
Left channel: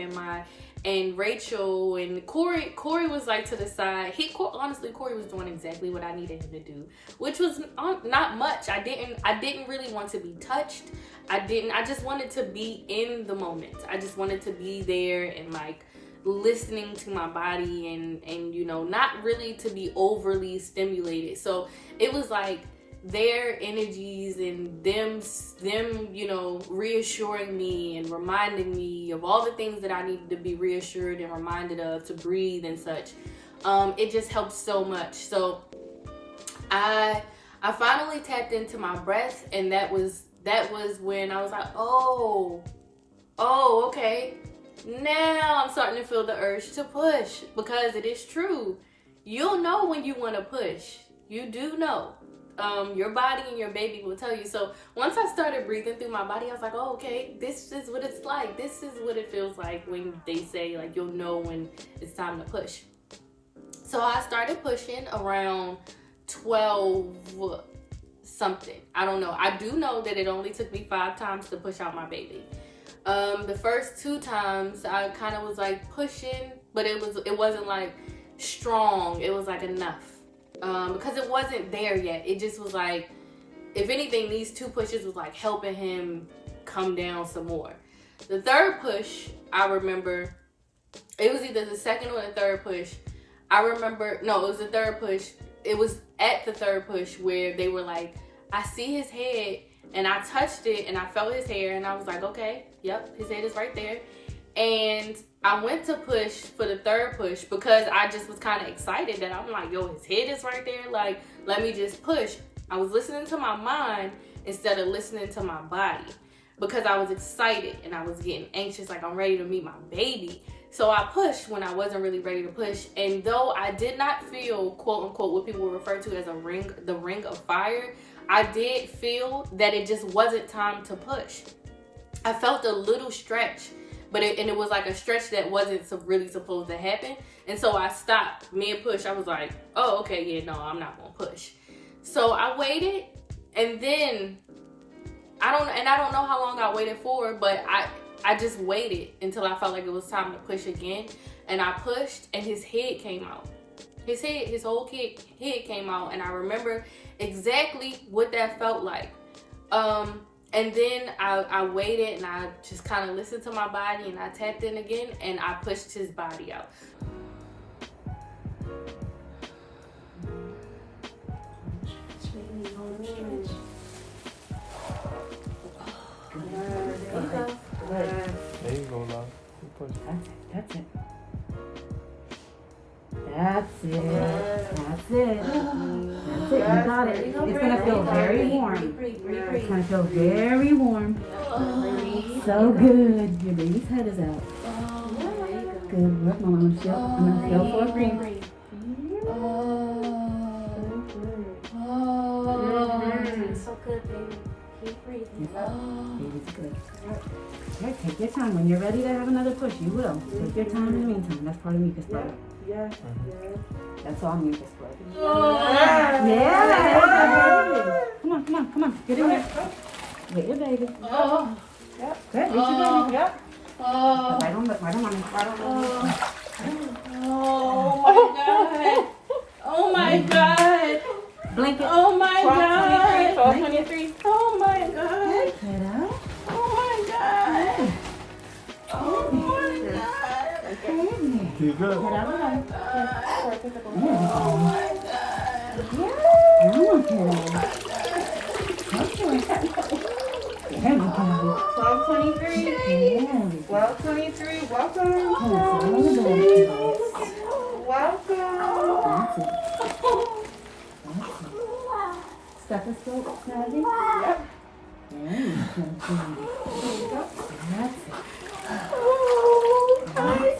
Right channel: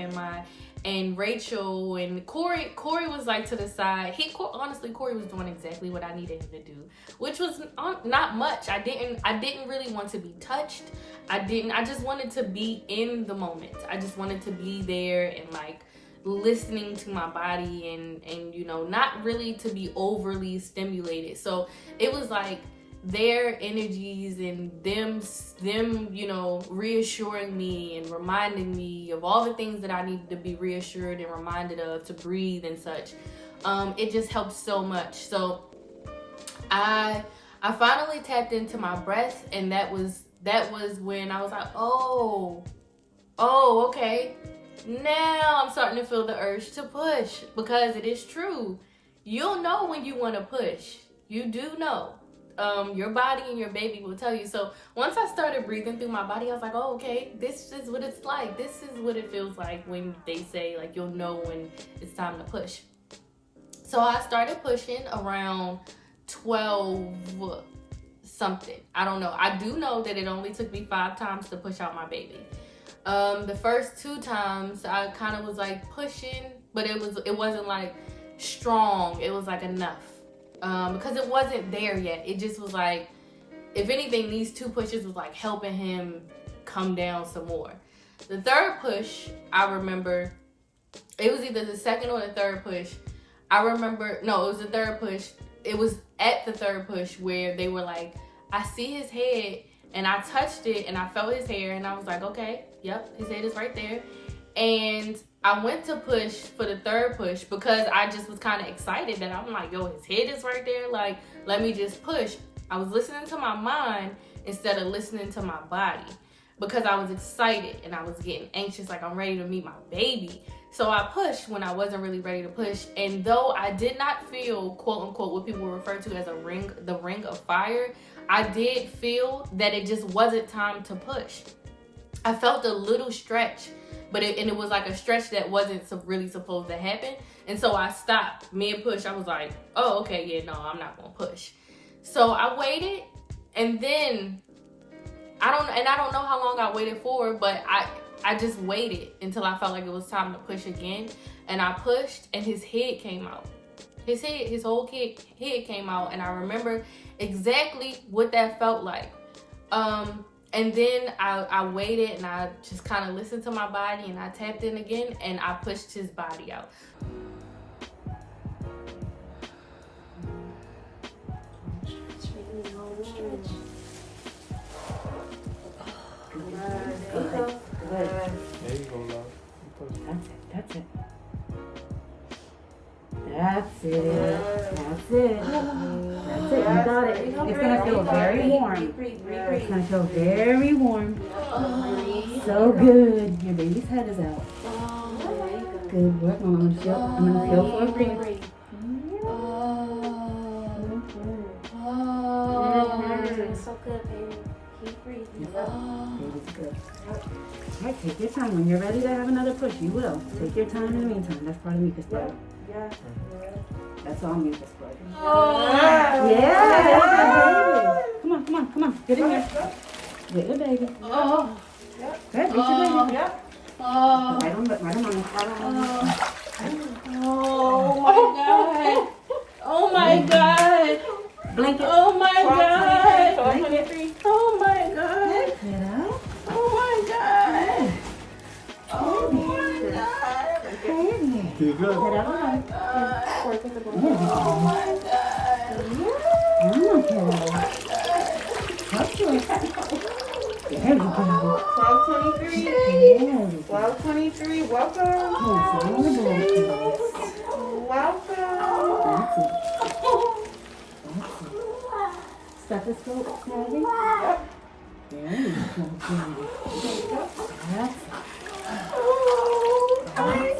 and Rachel and Corey was like to the side. Honestly, Corey was doing exactly what I needed him to do, which was not much. I didn't really want to be touched. I just wanted to be in the moment. I just wanted to be there and like listening to my body and not really to be overly stimulated. So it was like their energies and them reassuring me and reminding me of all the things that I needed to be reassured and reminded of, to breathe and such. It just helped so much. So I finally tapped into my breath, and that was when I was like, oh, okay. Now I'm starting to feel the urge to push, because it is true. You'll know when you want to push. You do know. Your body and your baby will tell you. So once I started breathing through my body, I was like, oh, okay, this is what it's like. This is what it feels like when they say like you'll know when it's time to push. So I started pushing around 12 something. I don't know. I do know that it only took me 5 times to push out my baby. The first 2 times I kind of was like pushing, but it wasn't like strong. It was like enough. Because it wasn't there yet. It just was like, if anything, these 2 pushes was like helping him come down some more. The third push, I remember, it was either the second or the third push. It was the third push. It was at the third push where they were like, I see his head, and I touched it and I felt his hair, and I was like, okay, yep, his head is right there. And I went to push for the third push because I just was kind of excited that I'm like, yo, his head is right there. Like, let me just push. I was listening to my mind instead of listening to my body, because I was excited and I was getting anxious, like I'm ready to meet my baby. So I pushed when I wasn't really ready to push. And though I did not feel, quote unquote, what people refer to as the ring of fire, I did feel that it just wasn't time to push. I felt a little stretch. but it was like a stretch that wasn't really supposed to happen. And so I stopped mid-push. I was like, oh, okay, yeah, no, I'm not gonna push. So I waited, and then I don't know how long I waited for, but I just waited until I felt like it was time to push again. And I pushed, and his head came out. His whole head came out, and I remember exactly what that felt like. And then I waited, and I just kind of listened to my body, and I tapped in again, and I pushed his body out. There you go, love. That's it. That's it. That's it. That's it. You got it. It's gonna feel very warm. It's gonna feel very warm. So good. Your baby's head is out. Good work, Mama. I'm gonna feel for a breathe. So good, baby. Keep breathing. Baby's good. All right, take your time. When you're ready to have another push, you will. Take your time in the meantime. That's part of mucus plug. Yeah. That's all mucus plug. Yeah. Come on. Get in here. Get your baby. Good. Reach your baby. Right on mommy. Oh my God. Blink it. Oh my God. Blink it. Oh my God. Get out. Oh my God. Oh my God. You good? Get out. Oh my God. There you go. 12:23. 12:23. Welcome. Stethoscope, Maggie? Yep. There you go. That's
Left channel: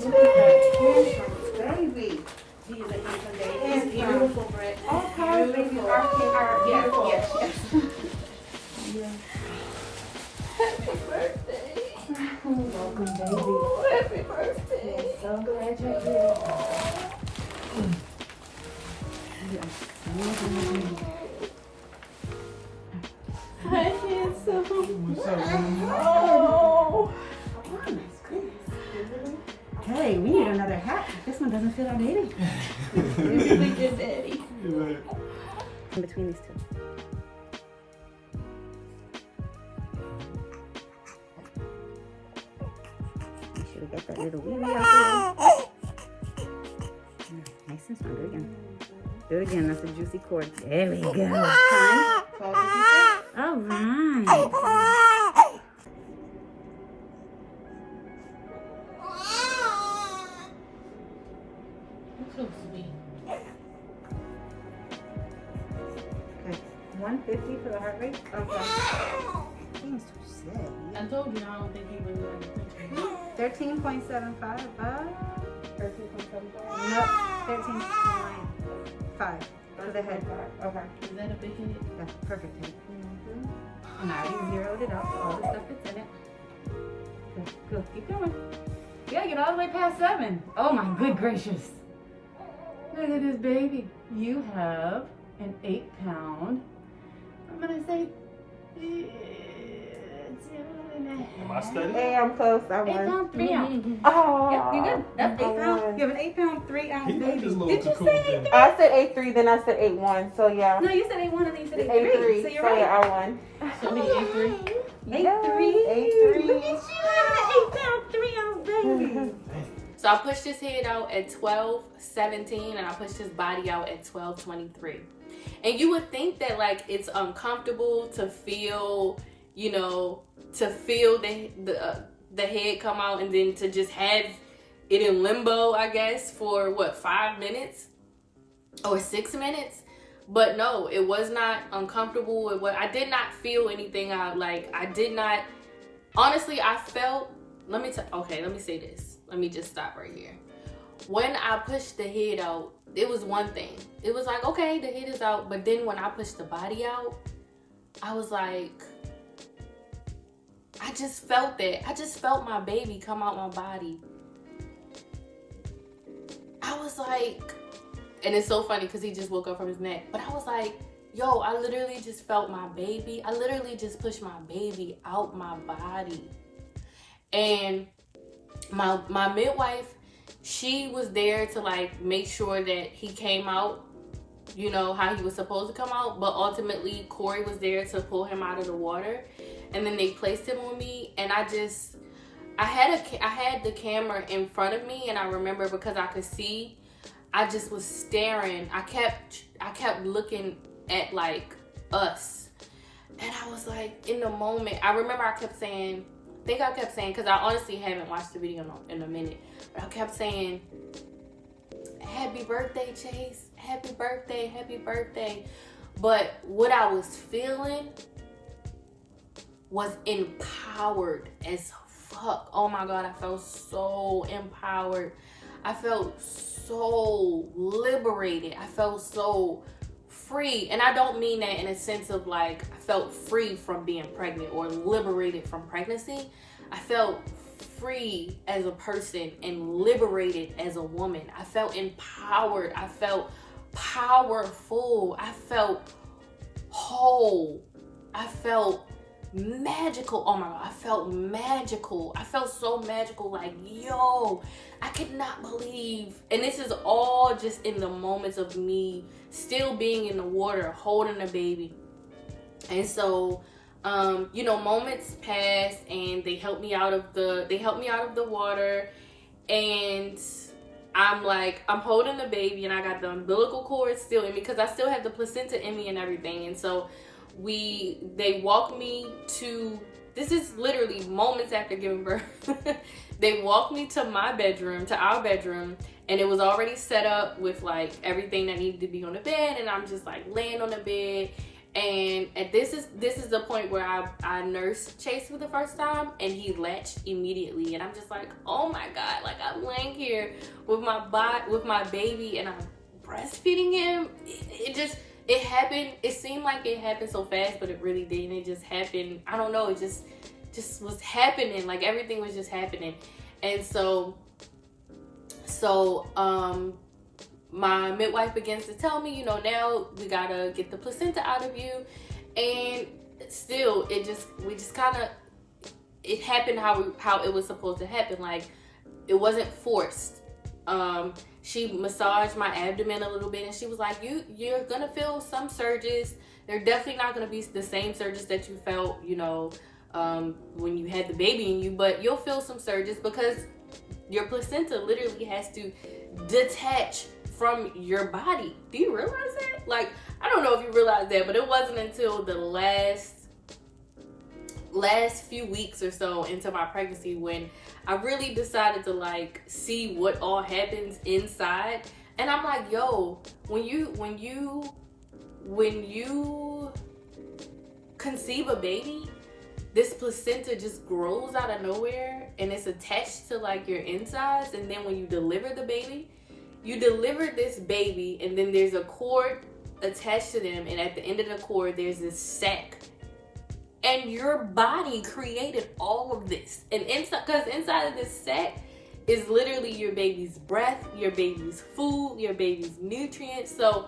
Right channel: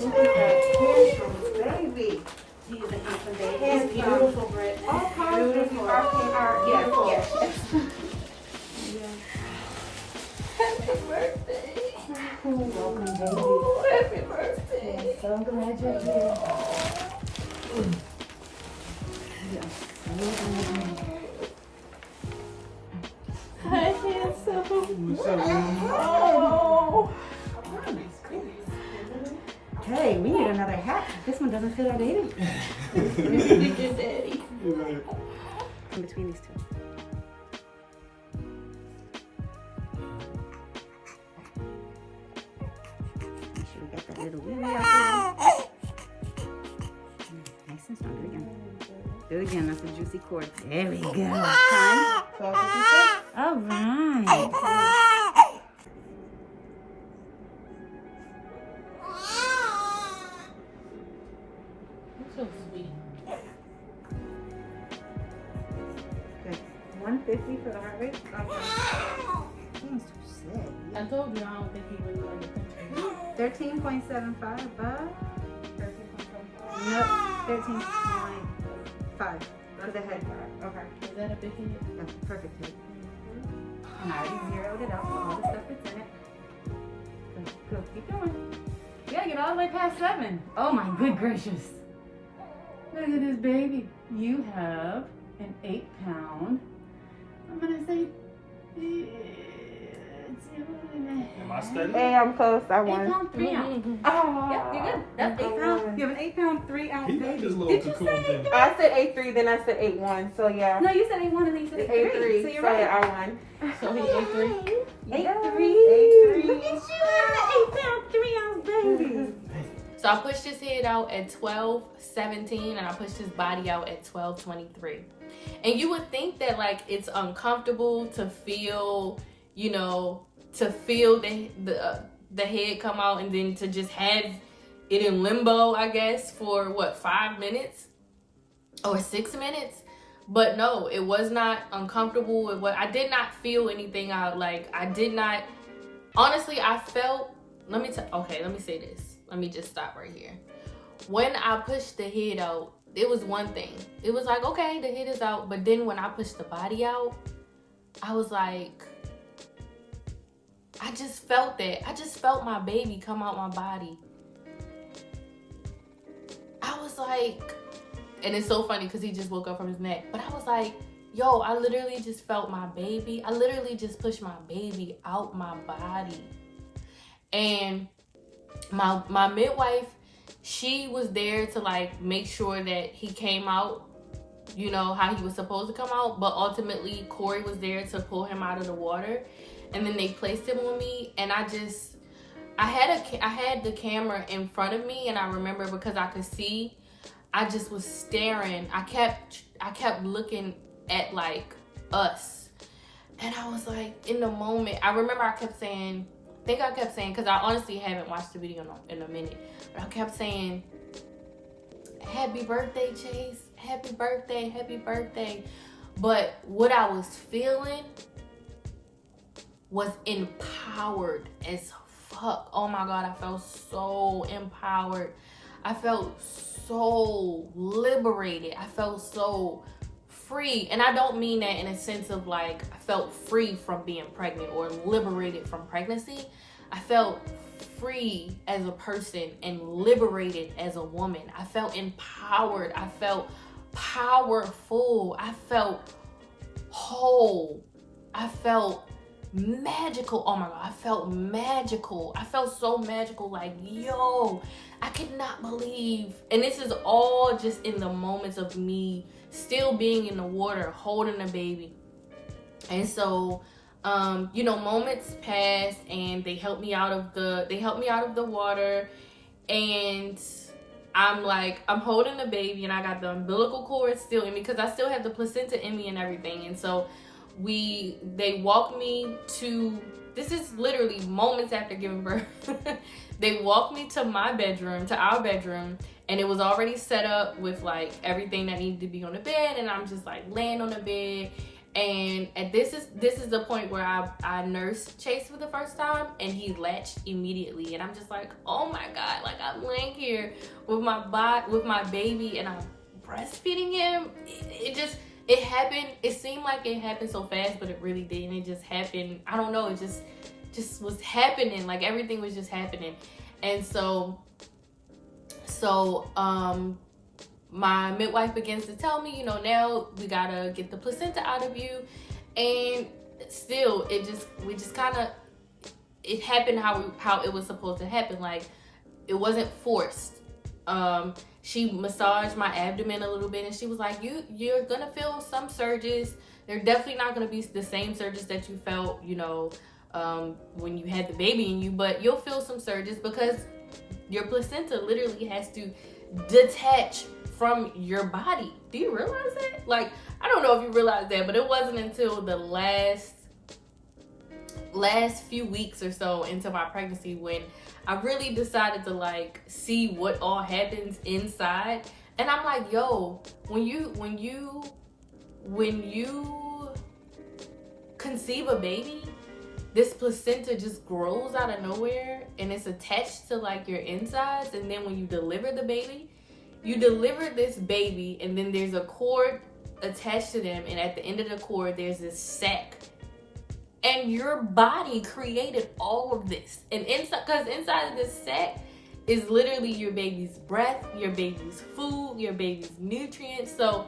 it. Baby. It's beautiful, Britt. Okay, baby. Happy birthday. Welcome, baby. Oh, happy birthday. So glad you're here. Hi, handsome. Oh. Hey, we need another hat. This one doesn't fit our baby. You think your daddy. In between these two. Make sure we get that little wee out there. Nice and strong. Do it again. Do it again. That's a juicy cord. There we go. Time. All right. So sweet. Okay. 150 for the heart rate. Okay. Seems too sad. I told you I don't think he really liked it. 13.75 above. 13.75. Nope. 13.5 for the head. Okay. Is that a big hit? That's a perfect hit. And I already zeroed it out. All the stuff that's in it. Good. Keep going. Yeah, get all the way past 7. Oh my good gracious. Look at this baby. You have an 8-pound. I'm gonna say 2.5. Am I steady? Hey, I'm close. I 8-pound, 3 ounce. Oh. Yeah, you're good. That's 8 pounds. You have an 8-pound, 3 ounce He like baby. this little Did you cocoon say thing. 8-3? I said 8.3, then I said 8.1. So yeah. No, you said 8-1 and then you said 8-3. So you're right. Yeah, I won. So he ate 3. 8-3. Look at you having an 8-pound, 3 ounce baby. So I pushed his head out at 12:17, and I pushed his body out at 12:23. And you would think that like it's uncomfortable to feel, you know, to feel the head come out and then to just have it in limbo, I guess, for what, 5 minutes or 6 minutes. But no, it was not uncomfortable. I did not feel anything. I did not. Honestly, I felt. Let me say this. Let me just stop right here. When I pushed the head out, it was one thing. It was like, okay, the head is out. But then when I pushed the body out, I was like, I just felt that. I just felt my baby come out my body. I was like, and it's so funny because he just woke up from his nap. But I was like, yo, I literally just felt my baby. I literally just pushed my baby out my body. And my midwife, she was there to like make sure that he came out, you know, how he was supposed to come out. But ultimately, Corey was there to pull him out of the water. And then they placed him on me, and I had the camera in front of me, and I remember because I could see, I just was staring. I kept looking at like us, and I was like, in the moment, I remember I kept saying, because I honestly haven't watched the video in a minute, but I kept saying, happy birthday, Chase, happy birthday, happy birthday. But what I was feeling was empowered as fuck. Oh my God, I felt so empowered. I felt so liberated. I felt so free. And I don't mean that in a sense of like, I felt free from being pregnant or liberated from pregnancy. I felt free as a person and liberated as a woman. I felt empowered. I felt powerful. I felt whole. I felt magical. Oh my God, I felt magical. I felt so magical. Like, yo, I could not believe. And this is all just in the moments of me still being in the water, holding the baby. And so, you know, moments passed, and they helped me out of the water, and I'm holding the baby, and I got the umbilical cord still in me because I still have the placenta in me and everything. And so they walked me to, this is literally moments after giving birth. They walked me to our bedroom, and it was already set up with like everything that needed to be on the bed, and I'm just like laying on the bed. And this is the point where I nursed Chase for the first time, and he latched immediately, and I'm just like, oh my God, like I'm laying here with my baby, and I'm breastfeeding him. It happened. It seemed like it happened so fast, but it really didn't. It just happened. I don't know. It just was happening. Like everything was just happening. And so my midwife begins to tell me, you know, now we gotta get the placenta out of you. And still, it happened how it was supposed to happen. Like, it wasn't forced. She massaged my abdomen a little bit, and she was like, you're gonna feel some surges. They're definitely not gonna be the same surges that you felt, you know, when you had the baby in you, but you'll feel some surges because your placenta literally has to detach from your body. Do you realize that? Like, I don't know if you realize that, but it wasn't until the last few weeks or so into my pregnancy when I really decided to like see what all happens inside. And I'm like, yo, when you conceive a baby, this placenta just grows out of nowhere, and it's attached to like your insides. And then when you deliver the baby, you deliver this baby, and then there's a cord attached to them, and at the end of the cord there's this sac. And your body created all of this. And inside of this sac is literally your baby's breath, your baby's food, your baby's nutrients. So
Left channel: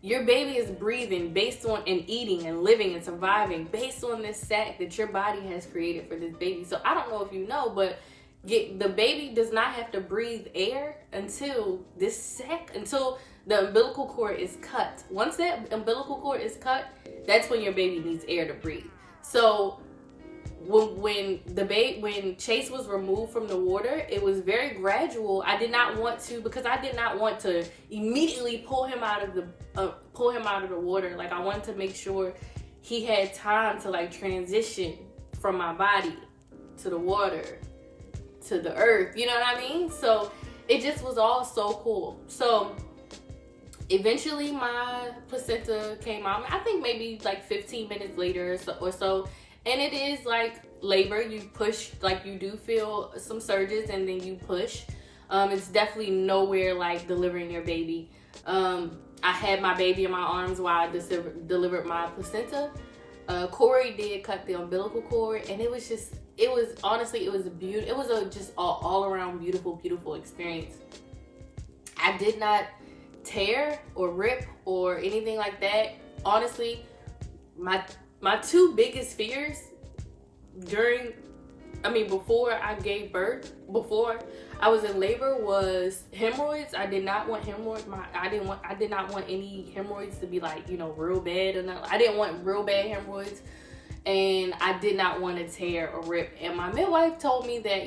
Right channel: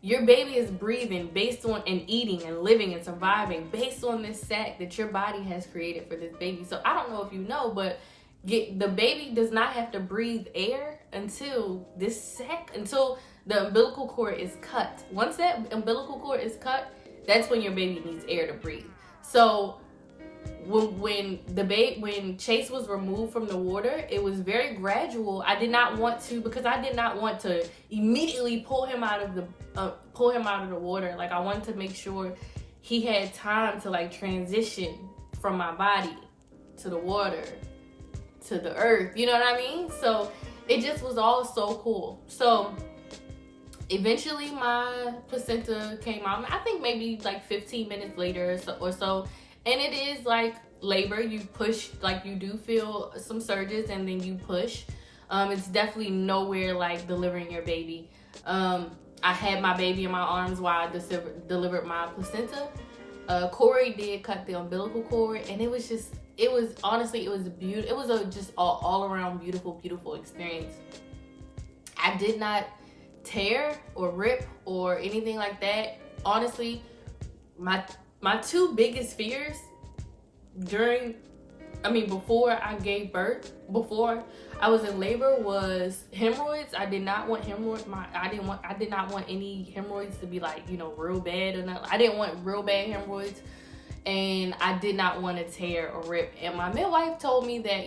your baby is breathing based on, and eating and living and surviving based on this sac that your body has created for this baby. So I don't know if you know, but the baby does not have to breathe air until the umbilical cord is cut. Once that umbilical cord is cut, that's when your baby needs air to breathe. So when Chase was removed from the water, it was very gradual. I did not want to immediately pull him out of the water. Like, I wanted to make sure he had time to like transition from my body to the water to the earth. You know what I mean? So it just was all so cool. So eventually my placenta came out. I think maybe like 15 minutes later or so. And it is like labor. You push, like you do feel some surges, and then you push. It's definitely nowhere like delivering your baby. I had my baby in my arms while I delivered my placenta. Corey did cut the umbilical cord, and it was honestly, it was beautiful. It was just all around beautiful experience. I did not tear or rip or anything like that. Honestly, my two biggest fears before I gave birth, before I was in labor, was hemorrhoids. I did not want hemorrhoids. I did not want any hemorrhoids to be like, real bad or not. I didn't want real bad hemorrhoids, and I did not want to tear or rip. And my midwife told me that,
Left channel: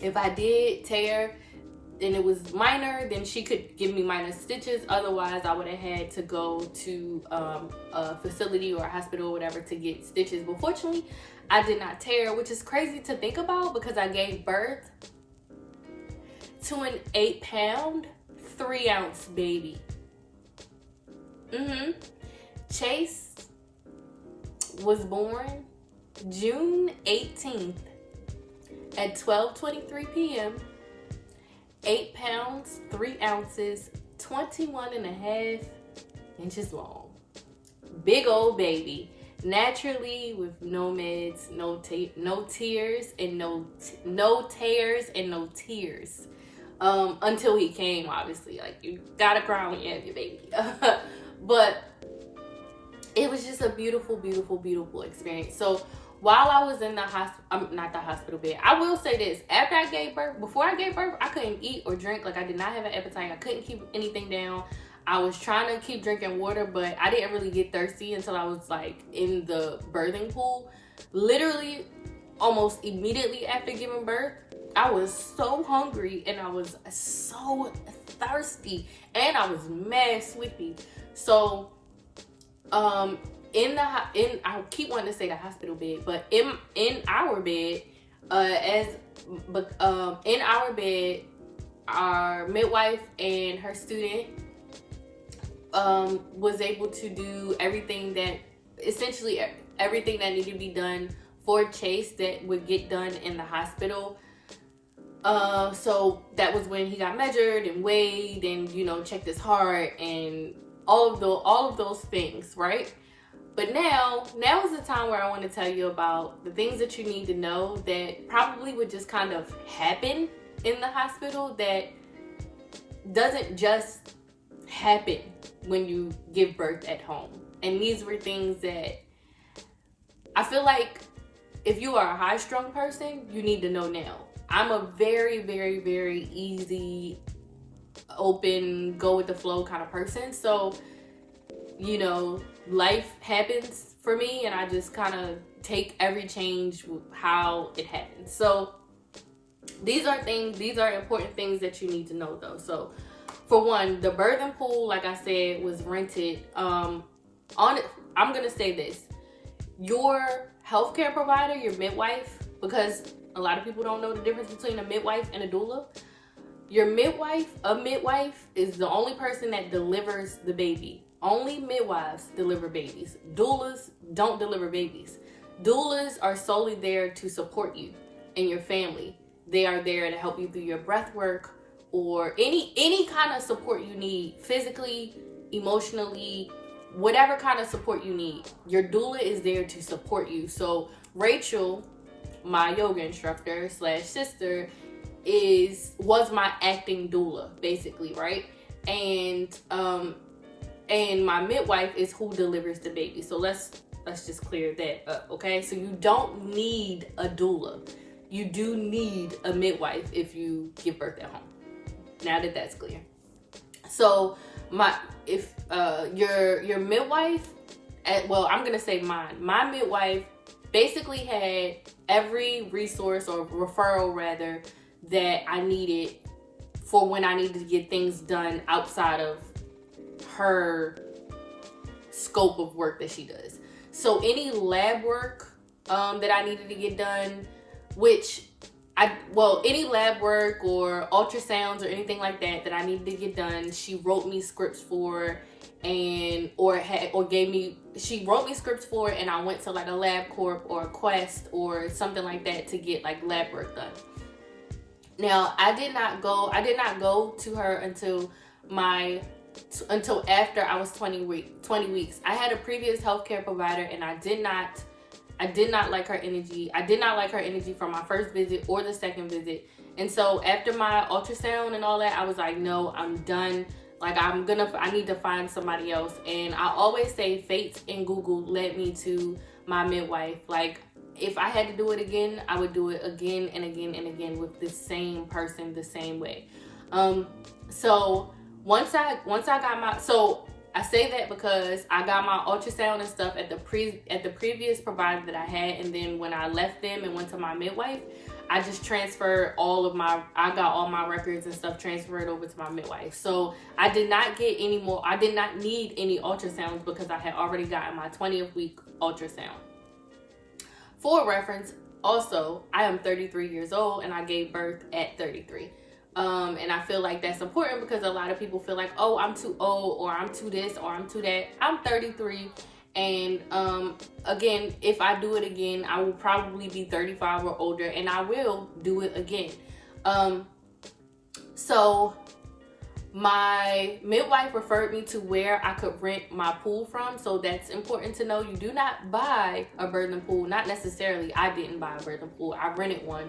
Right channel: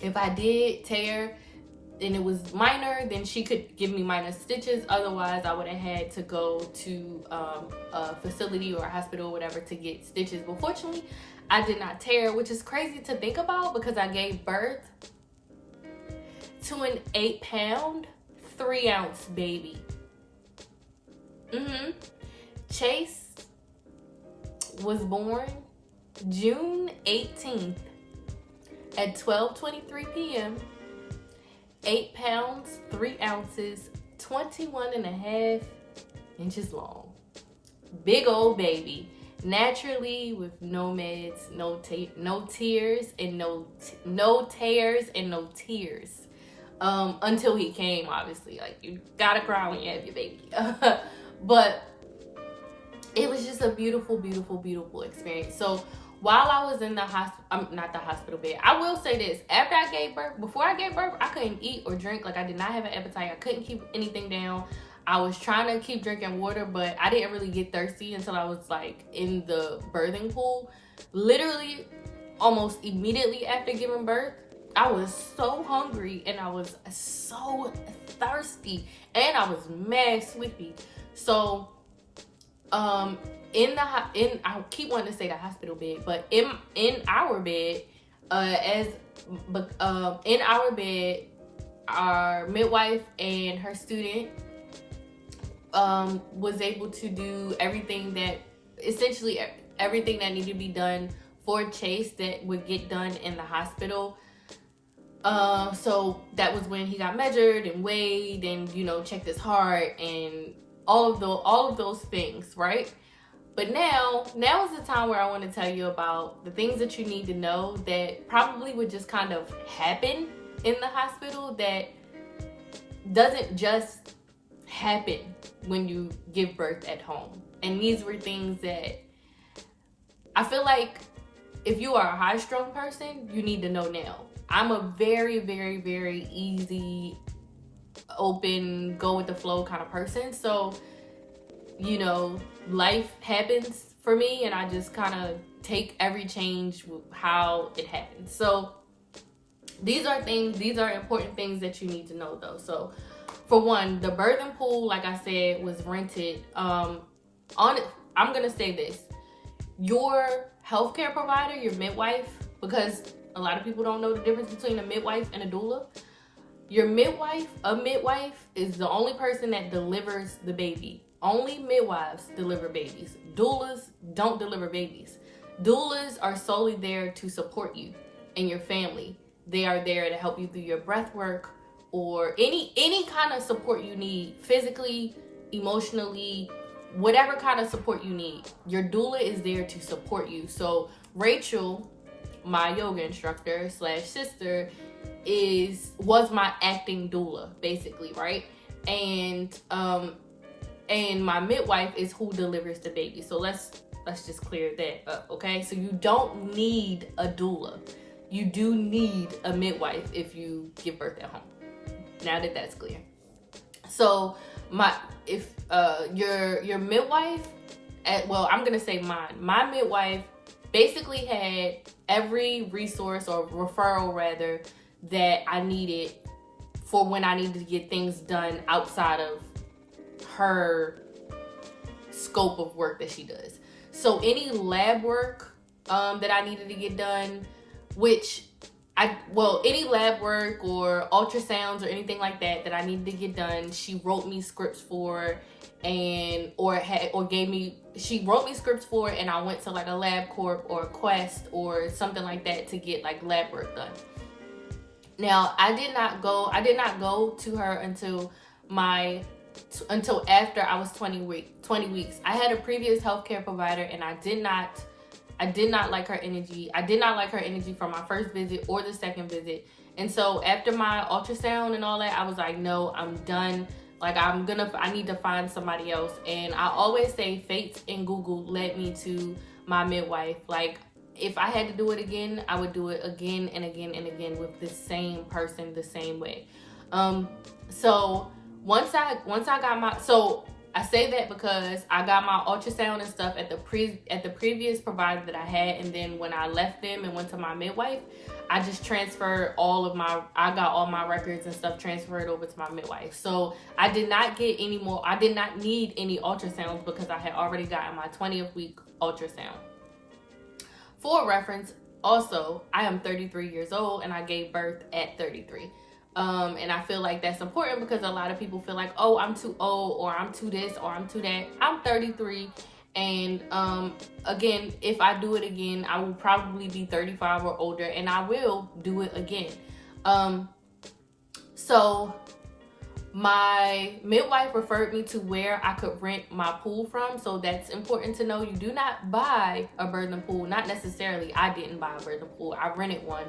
if I did tear and it was minor, then she could give me minor stitches. Otherwise, I would have had to go to a facility or a hospital or whatever to get stitches. But fortunately, I did not tear, which is crazy to think about because I gave birth to an 8-pound, 3-ounce baby. Chase was born June 18th at 12:23 p.m. 8 pounds, 3 ounces, 21.5 inches long. Big old baby. Naturally, with no meds, no tears, and no tears and no tears. Until he came, obviously. Like, you gotta cry when you have your baby. But it was just a beautiful experience. So while I was in the not the hospital bed, I will say this: after I gave birth, before I gave birth, I couldn't eat or drink. Like, I did not have an appetite. I couldn't keep anything down. I was trying to keep drinking water, but I didn't really get thirsty until I was like in the birthing pool. Literally, almost immediately after giving birth, I was so hungry and I was so thirsty and I was mad sleepy. So, I keep wanting to say the hospital bed, but in our bed, in our bed, our midwife and her student was able to do everything that needed to be done for Chase that would get done in the hospital. So that was when he got measured and weighed and, checked his heart and all of those things, right? But now is the time where I want to tell you about the things that you need to know that probably would just kind of happen in the hospital that doesn't just happen when you give birth at home. And these were things that I feel like if you are a high-strung person, you need to know now. I'm a very, very, very easy, open, go with the flow kind of person. So, life happens for me and I just kind of take every change how it happens. So these are important things that you need to know though. So for one, the birthing pool, like I said, was rented. I'm going to say this. Your healthcare provider, your midwife, because a lot of people don't know the difference between a midwife and a doula. A midwife is the only person that delivers the baby. Only midwives deliver babies. Doulas don't deliver babies. Doulas are solely there to support you and your family. They are there to help you through your breath work or any kind of support you need, physically, emotionally, whatever kind of support you need. Your doula is there to support you. So Rachel, my yoga instructor / sister, was my acting doula, basically, right? And my midwife is who delivers the baby. So let's just clear that up, okay? So you don't need a doula. You do need a midwife if you give birth at home. Now that that's clear. So your midwife, I'm gonna say mine. My midwife basically had every resource or referral rather that I needed for when I needed to get things done outside of her scope of work that she does. So any lab work that I needed to get done, any lab work or ultrasounds or anything like that I needed to get done, she wrote me scripts for, she wrote me scripts for, and I went to like a LabCorp or a Quest or something like that to get like lab work done. Now I did not go to her until my until after I was 20 weeks. I had a previous healthcare provider, and I did not like her energy. I did not like her energy from my first visit or the second visit. And so after my ultrasound and all that, I was like, no, I'm done. Like, I need to find somebody else. And I always say fate and Google led me to my midwife. Like, if I had to do it again, I would do it again and again and again with the same person, the same way. So once I got my, so I say that because I got my ultrasound and stuff at the previous provider that I had, and then when I left them and went to my midwife, I just transferred I got all my records and stuff transferred over to my midwife. So I did not need any ultrasounds because I had already gotten my 20th week ultrasound. For reference, also, I am 33 years old and I gave birth at 33. And I feel like that's important because a lot of people feel like, oh, I'm too old, or I'm too this, or I'm too that. I'm 33. And again, if I do it again, I will probably be 35 or older, and I will do it again. So my midwife referred me to where I could rent my pool from. So that's important to know. You do not buy a birthing pool. Not necessarily. I didn't buy a birthing pool. I rented one,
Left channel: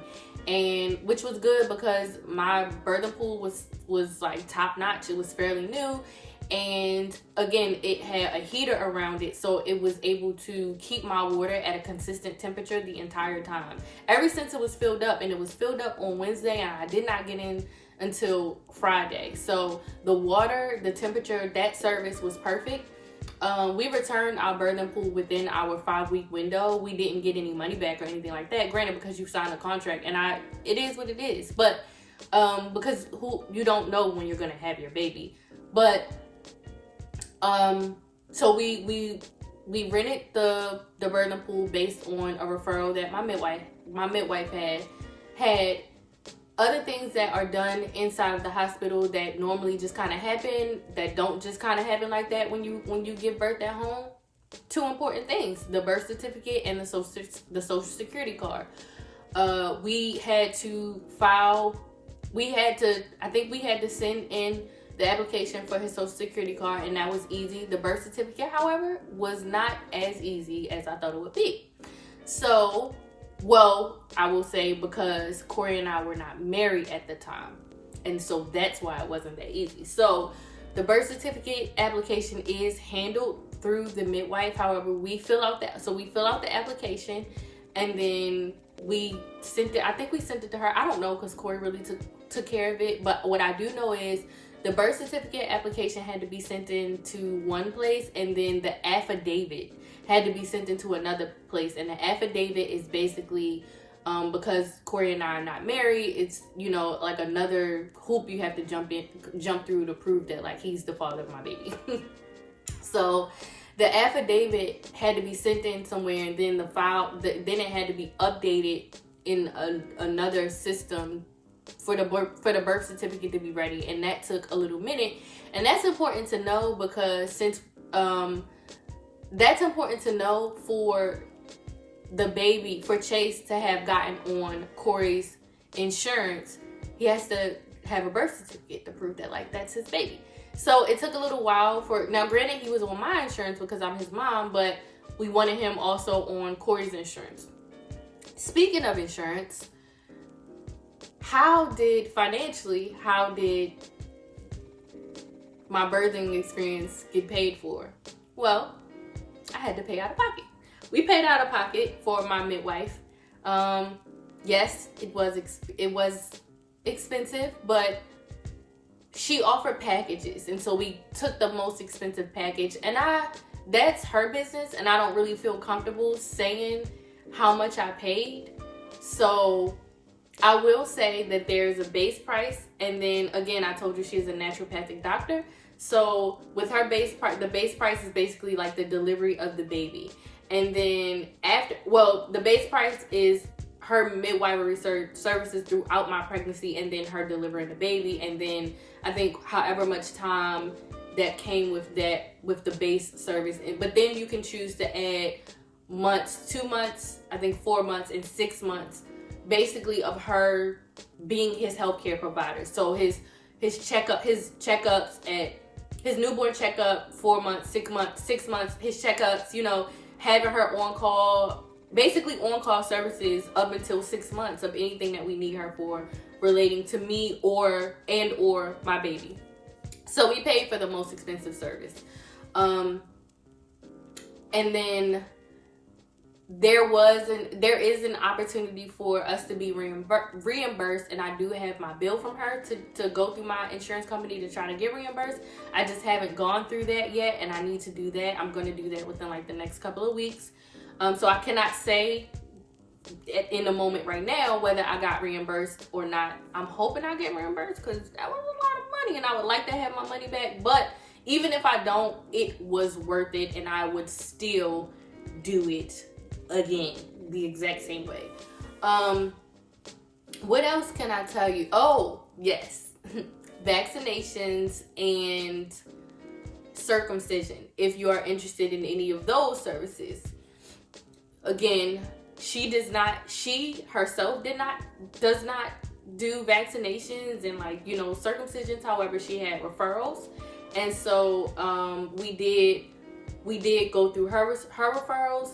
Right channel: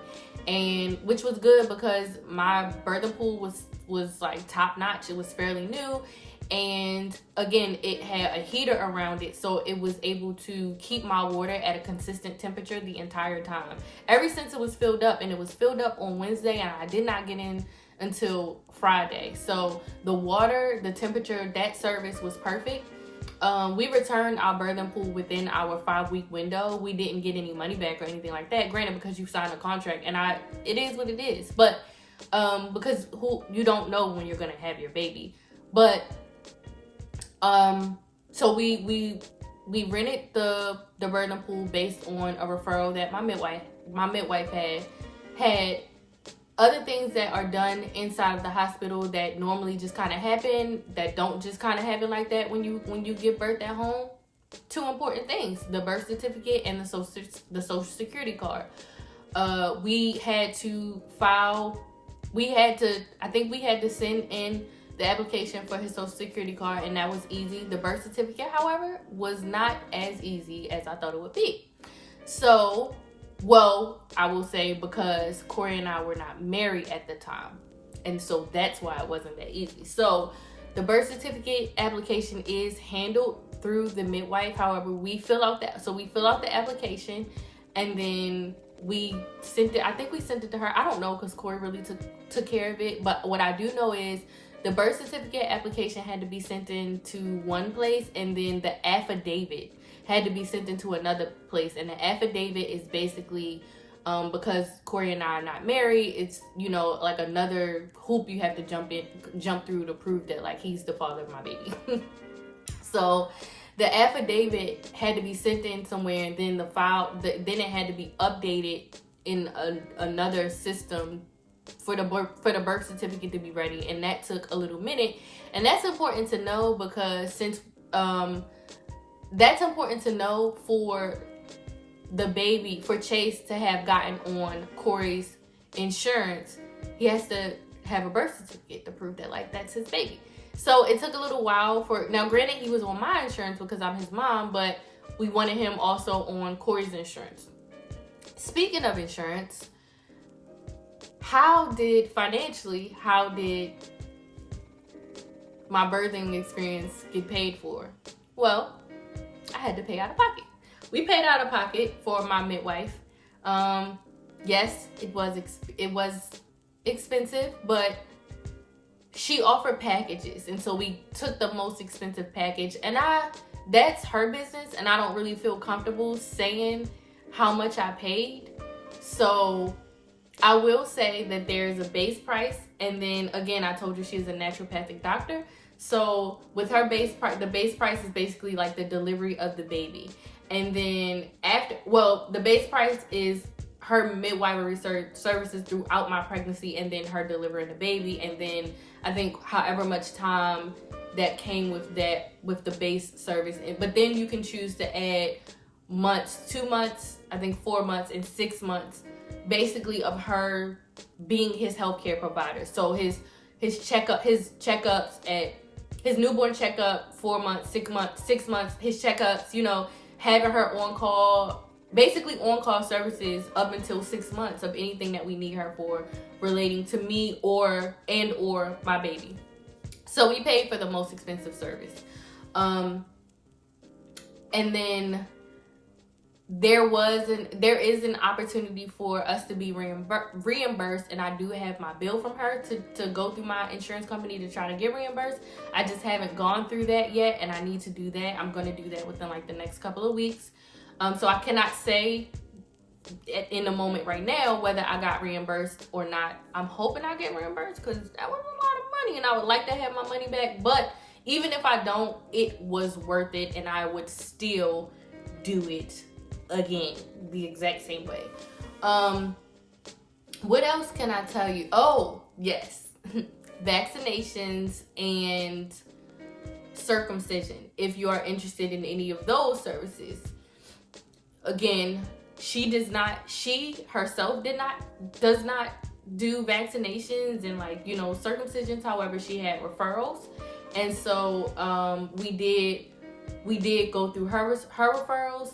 and which was good because my birthing pool was like top notch. It was fairly new. And again, it had a heater around it, so it was able to keep my water at a consistent temperature the entire time. Ever since it was filled up, and it was filled up on Wednesday, and I did not get in until Friday. So the temperature, that service was perfect. We returned our birthing pool within our 5-week window. We didn't get any money back or anything like that. Granted, because you signed a contract, and it is what it is. But because you don't know when you're gonna have your baby. But so we rented the birthing pool based on a referral that my midwife had. Other things that are done inside of the hospital that normally just kind of happen, that don't just kind of happen like that when you give birth at home. 2 important things: the birth certificate and the social security card. We had to send in the application for his social security card, and that was easy. The birth certificate, however, was not as easy as I thought it would be. So, well, I will say because Corey and I were not married at the time, and so that's why it wasn't that easy. So the birth certificate application is handled through the midwife. However, we fill out the application, and then we sent it. I think we sent it to her. I don't know because Corey really took care of it. But what I do know is the birth certificate application had to be sent in to one place, and then the affidavit had to be sent into another place. And the affidavit is basically because Corey and I are not married, it's, you know, like another hoop you have to jump through to prove that like he's the father of my baby. So the affidavit had to be sent in somewhere, and then then it had to be updated in another system for the birth certificate to be ready, and that took a little minute. And that's important to know because that's important to know for the baby, for Chase to have gotten on Corey's insurance. He has to have a birth certificate to prove that like that's his baby. So it took a little while now granted he was on my insurance because I'm his mom, but we wanted him also on Corey's insurance. Speaking of insurance, how did my birthing experience get paid for? Well, I had to pay out of pocket. We paid out of pocket for my midwife. Yes, it was expensive, but she offered packages, and so we took the most expensive package. And that's her business, and I don't really feel comfortable saying how much I paid. So I will say that there's a base price, and then again, I told you she is a naturopathic doctor. So with her the base price is basically like the delivery of the baby. And then the base price is her midwifery services throughout my pregnancy, and then her delivering the baby. And then I think however much time that came with the base service. But then you can choose to add months, 2 months, I think 4 months, and 6 months, basically of her being his healthcare provider. So his checkups at his newborn checkup, 4 months, 6 months, his checkups, you know, having her on call, basically on call services up until 6 months of anything that we need her for relating to me or my baby. So we paid for the most expensive service. And then there is an opportunity for us to be reimbursed, and I do have my bill from her to go through my insurance company to try to get reimbursed. I just haven't gone through that yet, and I need to do that. I'm going to do that within like the next couple of weeks. So I cannot say in the moment right now whether I got reimbursed or not. I'm hoping I get reimbursed because that was a lot of money, and I would like to have my money back. But even if I don't, it was worth it, and I would still do it again the exact same way. What else can I tell you? Oh yes, vaccinations and circumcision, if you are interested in any of those services. Again, she herself does not do vaccinations and, like, you know, circumcisions. However, she had referrals, and so we did go through her referrals.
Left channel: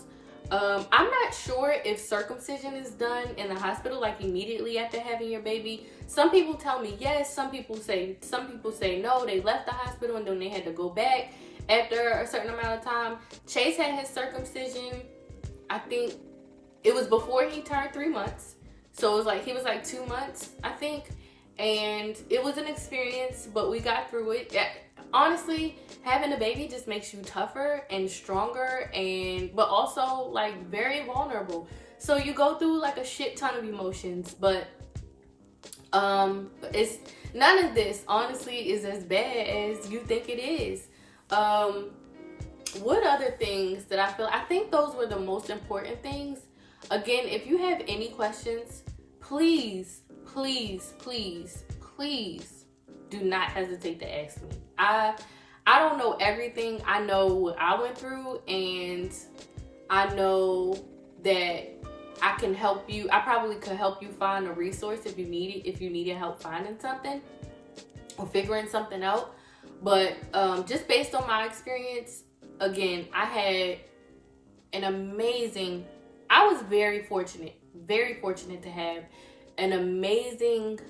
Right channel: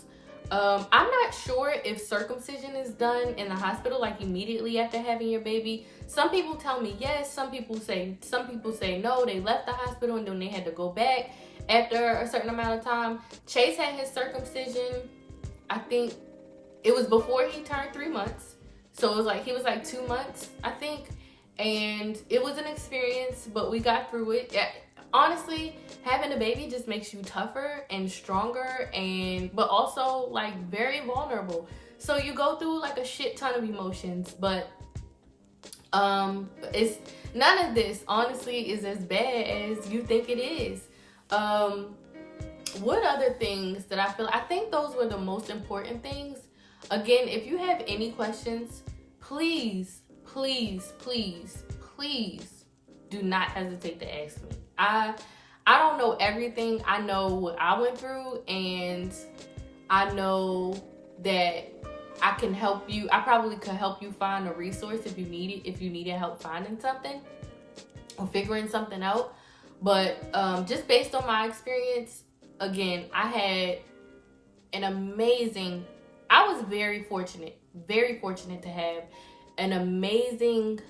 I'm not sure if circumcision is done in the hospital, like immediately after having your baby. Some people tell me yes, some people say no, they left the hospital and then they had to go back after a certain amount of time. Chase had his circumcision, I think it was before he turned 3 months. So it was like, he was like 2 months, I think. And it was an experience, but we got through it. Honestly, having a baby just makes you tougher and stronger, but also like very vulnerable. So you go through like a shit ton of emotions, but it's none of this honestly is as bad as you think it is. What other things that I think those were the most important things. Again, if you have any questions, please do not hesitate to ask me. I don't know everything. I know what I went through, and I know that I can help you. I probably could help you find a resource if you needed help finding something or figuring something out. But just based on my experience, again, I was very fortunate to have an amazing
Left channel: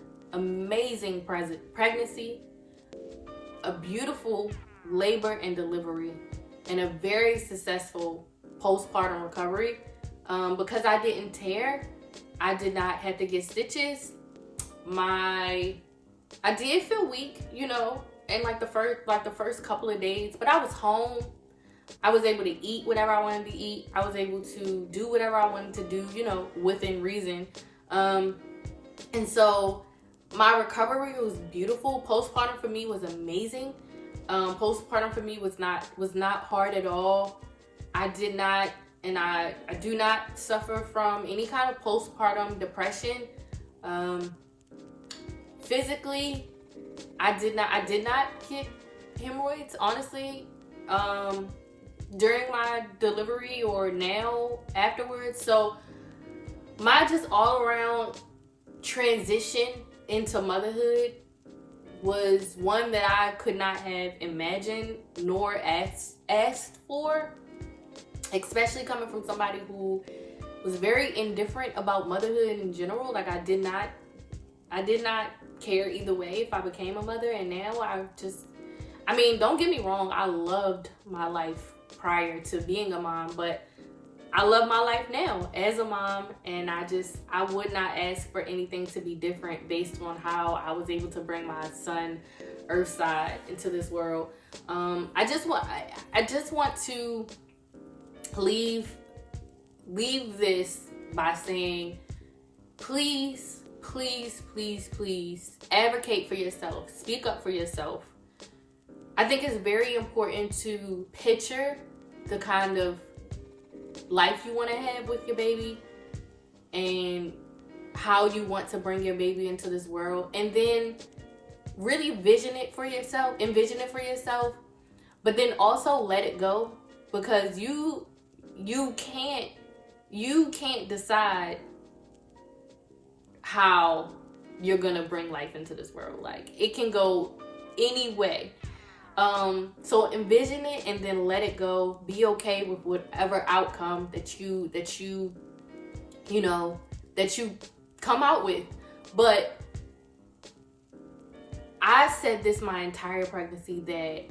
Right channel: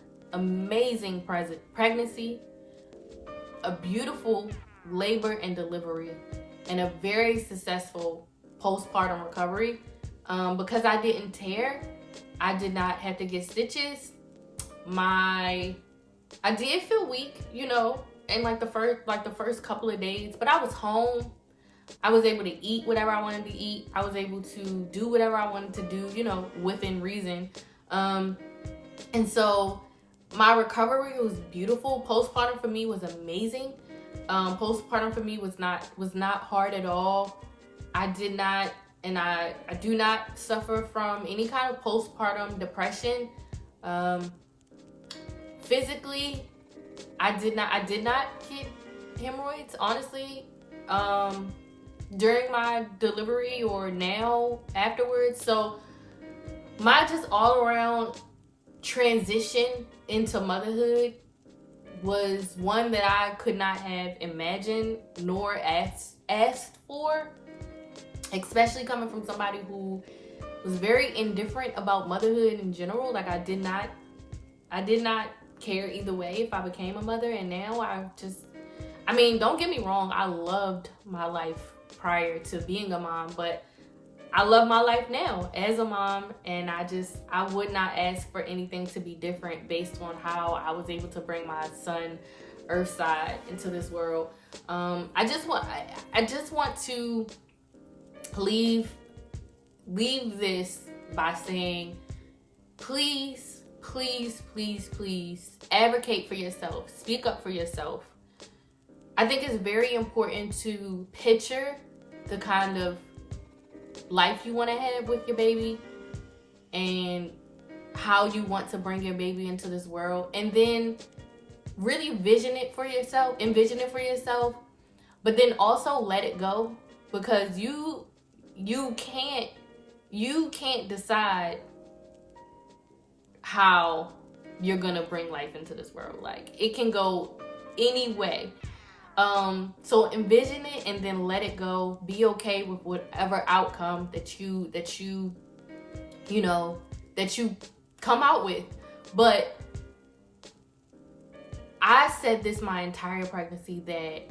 pregnancy, a beautiful labor and delivery, and a very successful postpartum recovery. Because I didn't tear, I did not have to get stitches. I did feel weak, you know, in like the first couple of days, but I was home. I was able to eat whatever I wanted to eat. I was able to do whatever I wanted to do, you know, within reason. And so my recovery was beautiful. Postpartum for me was amazing. Postpartum for me was not hard at all. I did not, and I do not suffer from any kind of postpartum depression. Physically, I did not get hemorrhoids, honestly, during my delivery or now afterwards. So my just all around transition into motherhood was one that I could not have imagined nor asked for, especially coming from somebody who was very indifferent about motherhood in general. Like I did not care either way if I became a mother, and now don't get me wrong, I loved my life prior to being a mom, but I love my life now as a mom, and I would not ask for anything to be different based on how I was able to bring my son Earthside into this world. I just want to leave this by saying, please advocate for yourself. Speak up for yourself. I think it's very important to picture the kind of life you want to have with your baby and how you want to bring your baby into this world, and then really envision it for yourself, but then also let it go, because you can't decide how you're gonna bring life into this world. Like, it can go any way. So envision it and then let it go. Be okay with whatever outcome that you come out with. But I said this my entire pregnancy, that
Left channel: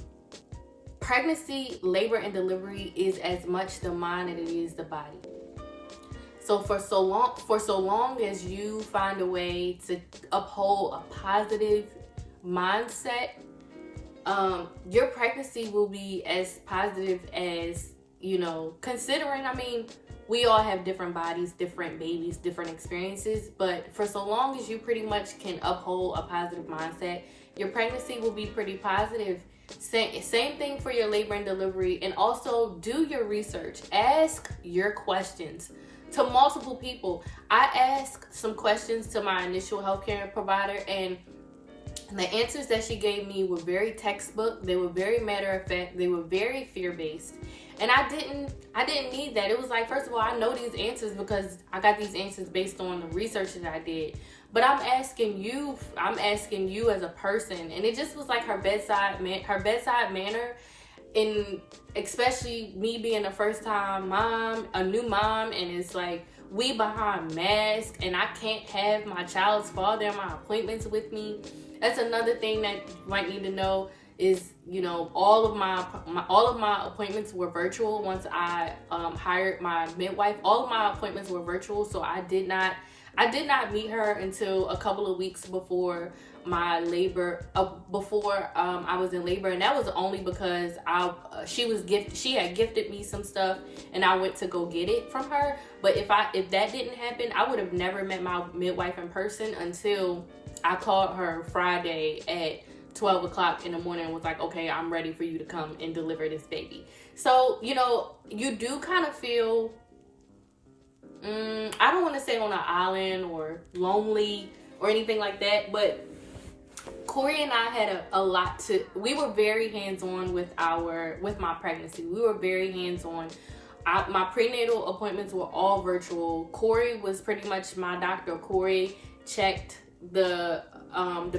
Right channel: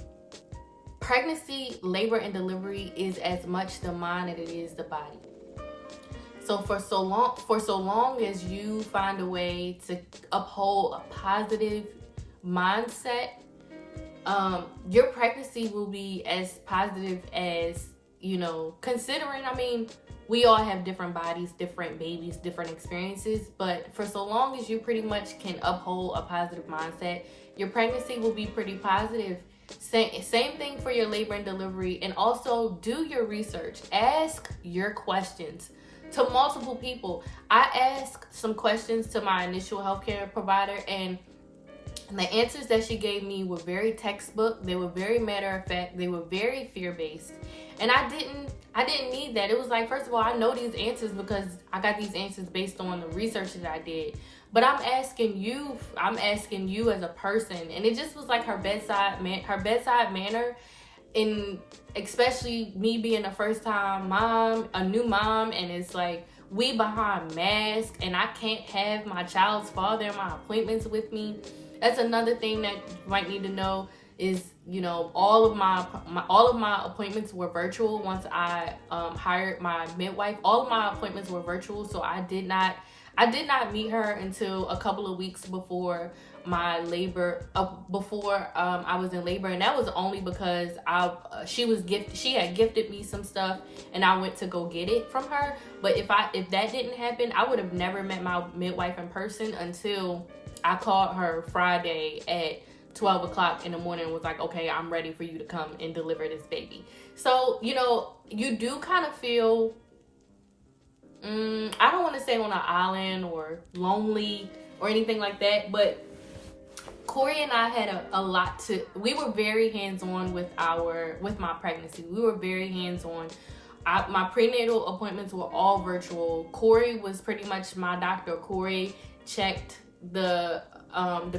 pregnancy, labor, and delivery is as much the mind as it is the body. So for so long as you find a way to uphold a positive mindset, your pregnancy will be as positive as, considering, I mean, we all have different bodies, different babies, different experiences, but for so long as you pretty much can uphold a positive mindset, your pregnancy will be pretty positive. Same thing for your labor and delivery. And also do your research. Ask your questions to multiple people. I asked some questions to my initial healthcare provider, and the answers that she gave me were very textbook. They were very matter of fact. They were very fear-based. And I didn't need that. It was like, first of all, I know these answers because I got these answers based on the research that I did. But I'm asking you as a person. And it just was like her bedside manner, and especially me being a first time mom, a new mom, and it's like we behind masks and I can't have my child's father in my appointments with me. That's another thing that you might need to know is, all of my appointments were virtual. Once I hired my midwife, all of my appointments were virtual. So I did not meet her until a couple of weeks before my labor, before I was in labor, and that was only because she had gifted me some stuff, and I went to go get it from her. But if that didn't happen, I would have never met my midwife in person until I called her Friday at 12 o'clock in the morning and was like, okay, I'm ready for you to come and deliver this baby. So, you do kind of feel, I don't want to say on an island or lonely or anything like that, but Corey and I had we were very hands-on with my pregnancy. We were very hands-on. My prenatal appointments were all virtual. Corey was pretty much my doctor. Corey checked the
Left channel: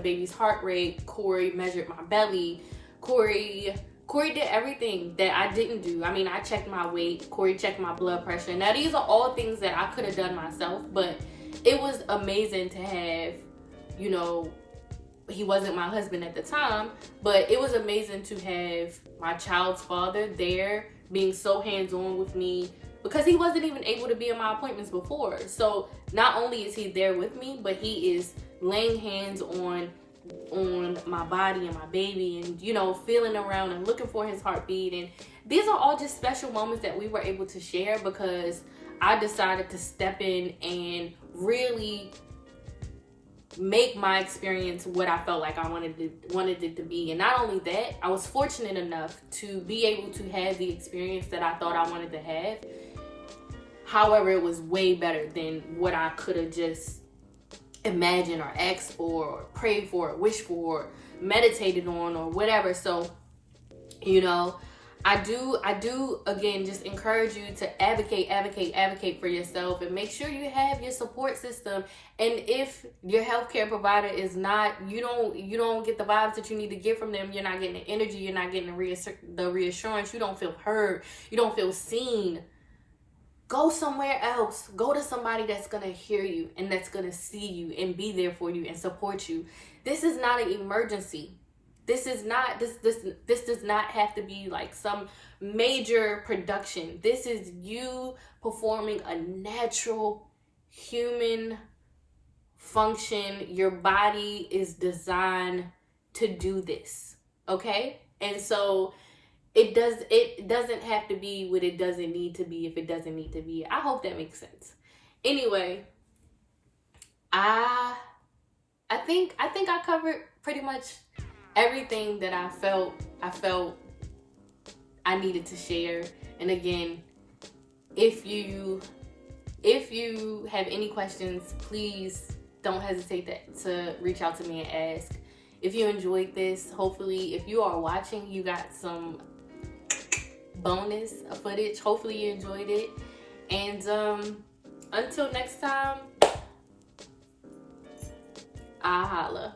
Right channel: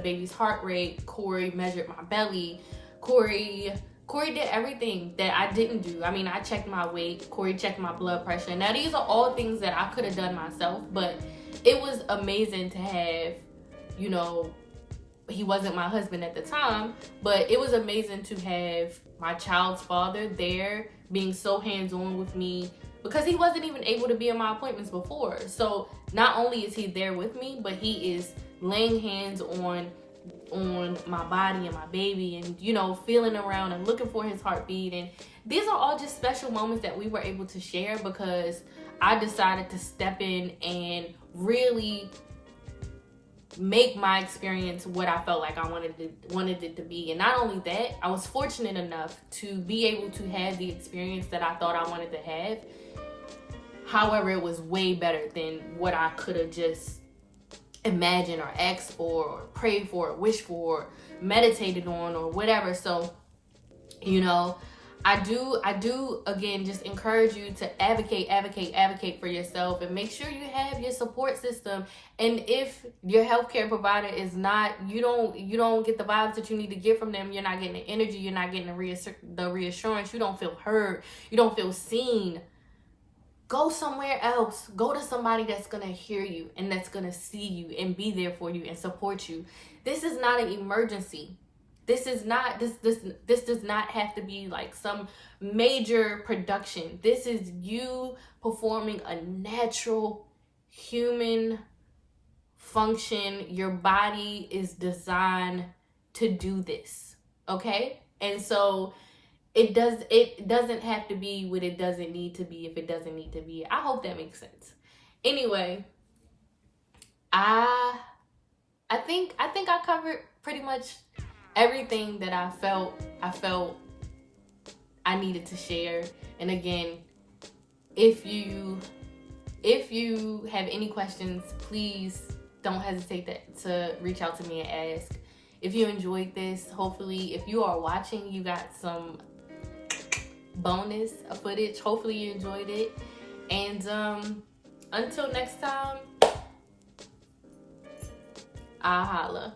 baby's heart rate. Corey measured my belly. Corey did everything that I didn't do. I mean, I checked my weight. Corey checked my blood pressure. Now, these are all things that I could have done myself, but it was amazing to have, he wasn't my husband at the time, but it was amazing to have my child's father there being so hands-on with me, because he wasn't even able to be in my appointments before. So not only is he there with me, but he is laying hands on my body and my baby, and feeling around and looking for his heartbeat. And these are all just special moments that we were able to share because I decided to step in and really make my experience what I felt like I wanted it to be. And not only that, I was fortunate enough to be able to have the experience that I thought I wanted to have. However, it was way better than what I could have just imagined or asked for or prayed for or wished for or meditated on or whatever. So, I do again just encourage you to advocate for yourself, and make sure you have your support system. And if your healthcare provider is not, you don't get the vibes that you need to get from them, you're not getting the energy, you're not getting the reassurance, you don't feel heard, you don't feel seen, go somewhere else. Go to somebody that's gonna hear you and that's gonna see you and be there for you and support you. This is not an emergency. This does not have to be like some major production. This is you performing a natural human function. Your body is designed to do this, okay? And so it doesn't have to be what it doesn't need to be if it doesn't need to be. I hope that makes sense. Anyway, I think I covered pretty much everything that I felt I needed to share. And again, if you have any questions, please don't hesitate to reach out to me and ask. If you enjoyed this, hopefully, if you are watching, you got some bonus footage. Hopefully you enjoyed it. And until next time, I'll holla.